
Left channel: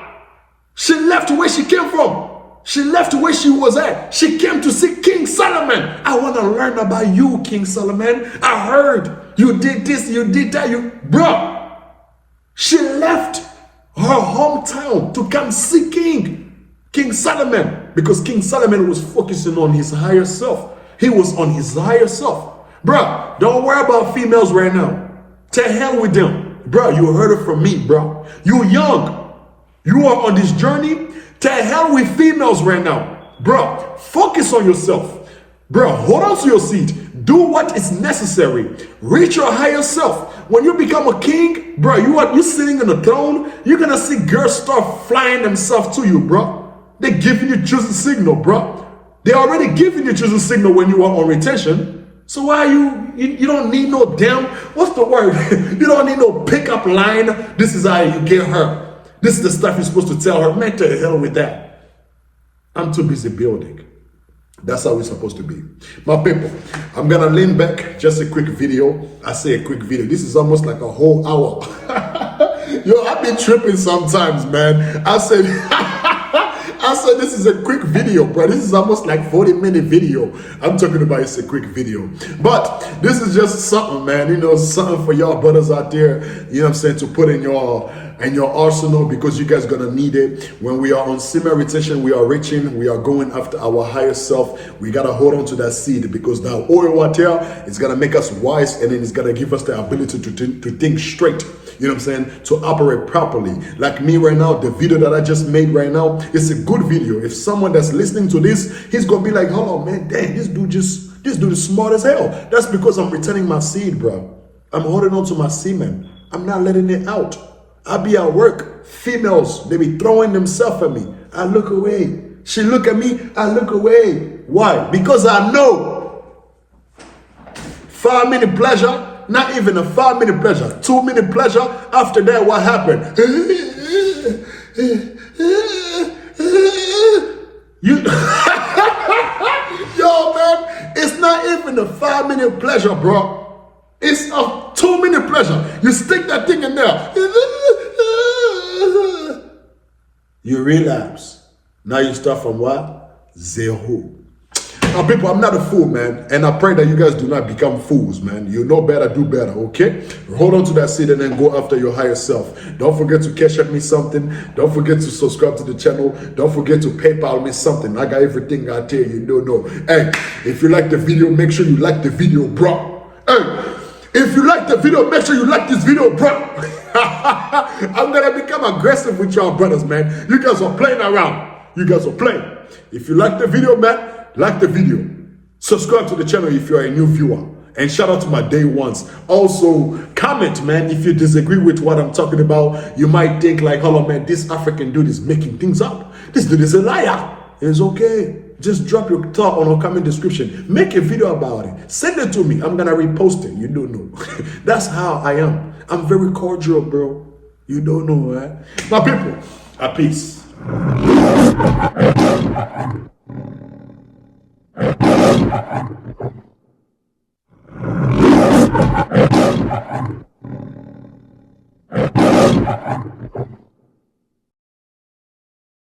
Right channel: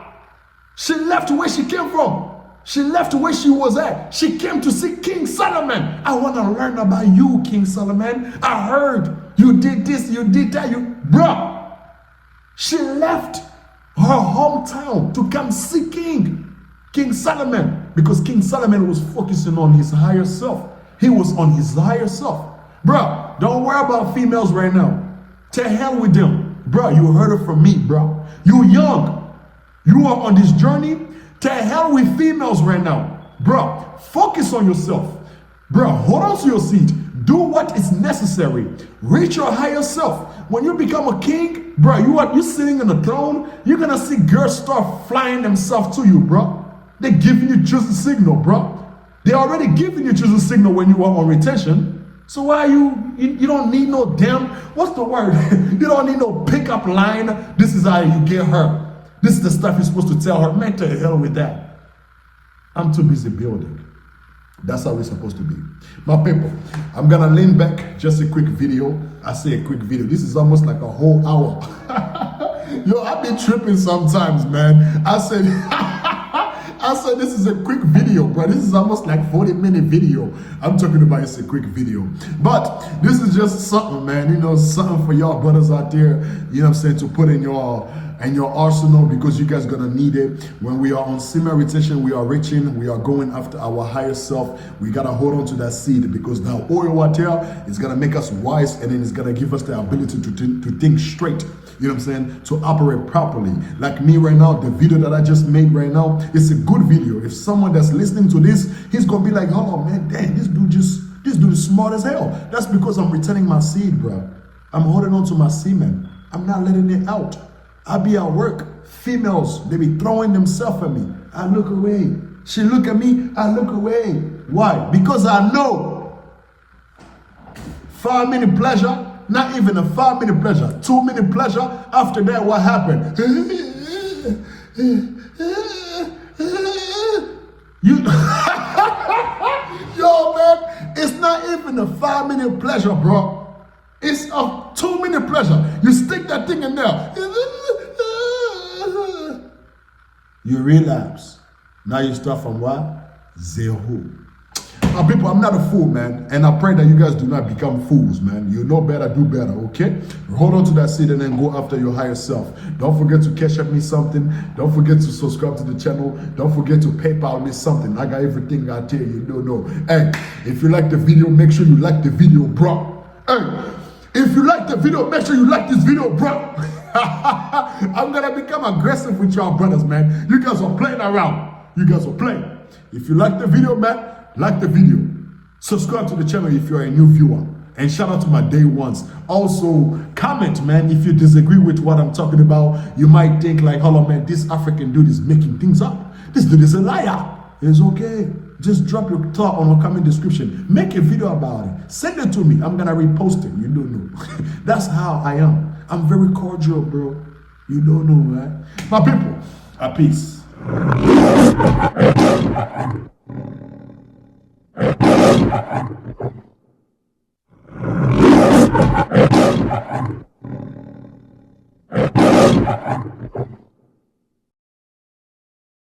She left where she came from. She left where she was at. She came to see King Solomon. I want to learn about you, King Solomon. I heard you did this, you did that. Bro, she left her hometown to come see King Solomon, because King Solomon was focusing on his higher self. He was on his higher self. Bro, don't worry about females right now. To hell with them. Bro, you heard it from me, bro. You young. You are on this journey. To hell with females right now. Bro, focus on yourself. Bro, hold on to your seat. Do what is necessary. Reach your higher self. When you become a king, bro, you sitting on the throne, you're gonna see girls start flying themselves to you, bro. They're giving you just a signal, bro. They're already giving you just a signal when you are on retention. So why you don't need no damn, what's the word? You don't need no pickup line. This is how you get her. This is the stuff you're supposed to tell her. Man, to hell with that. I'm too busy building. That's how we're supposed to be. My people, I'm gonna lean back, just a quick video. I say a quick video. This is almost like a whole hour. Yo, I be tripping sometimes, man. I said, this is a quick video, bro. This is almost like 40-minute video. I'm talking about it's a quick video. But this is just something, man. You know, something for y'all brothers out there, you know what I'm saying, to put in your arsenal, because you guys gonna need it. When we are on semen retention, we are reaching, we are going after our higher self. We gotta hold on to that seed, because that oil water is gonna make us wise, and then it's gonna give us the ability to think straight. You know what I'm saying? To operate properly. Like me right now, the video that I just made right now, it's a good video. If someone that's listening to this, he's gonna be like, hold on, man, dang, this dude is smart as hell. That's because I'm returning my seed, bro. I'm holding on to my semen. I'm not letting it out. I be at work. Females, they be throwing themselves at me. I look away. She look at me, I look away. Why? Because I know 5-minute pleasure, not even a 5-minute pleasure, 2-minute pleasure. After that, what happened? You, yo, man, it's not even a 5-minute pleasure, bro. It's a 2-minute pleasure. You stick that thing in there. You relapse. Now you start from what? Zero. Now, people, I'm not a fool, man. And I pray that you guys do not become fools, man. You know better, do better, okay? Hold on to that seed and then go after your higher self. Don't forget to cash up me something. Don't forget to subscribe to the channel. Don't forget to PayPal me something. I got everything out there you don't know. Hey, if you like the video, make sure you like the video, bro. Hey, if you like the video, make sure you like this video, bro. I'm gonna become aggressive with y'all brothers, man. You guys are playing around. You guys are playing. If you like the video, man, like the video. Subscribe to the channel if you're a new viewer. And shout out to my day ones. Also, comment, man, if you disagree with what I'm talking about. You might think like, hold on, man, this African dude is making things up. This dude is a liar. It's okay. Just drop your thought on a comment description. Make a video about it. Send it to me. I'm gonna repost it. You don't know. That's how I am. I'm very cordial, bro. You don't know, right? My people, at peace.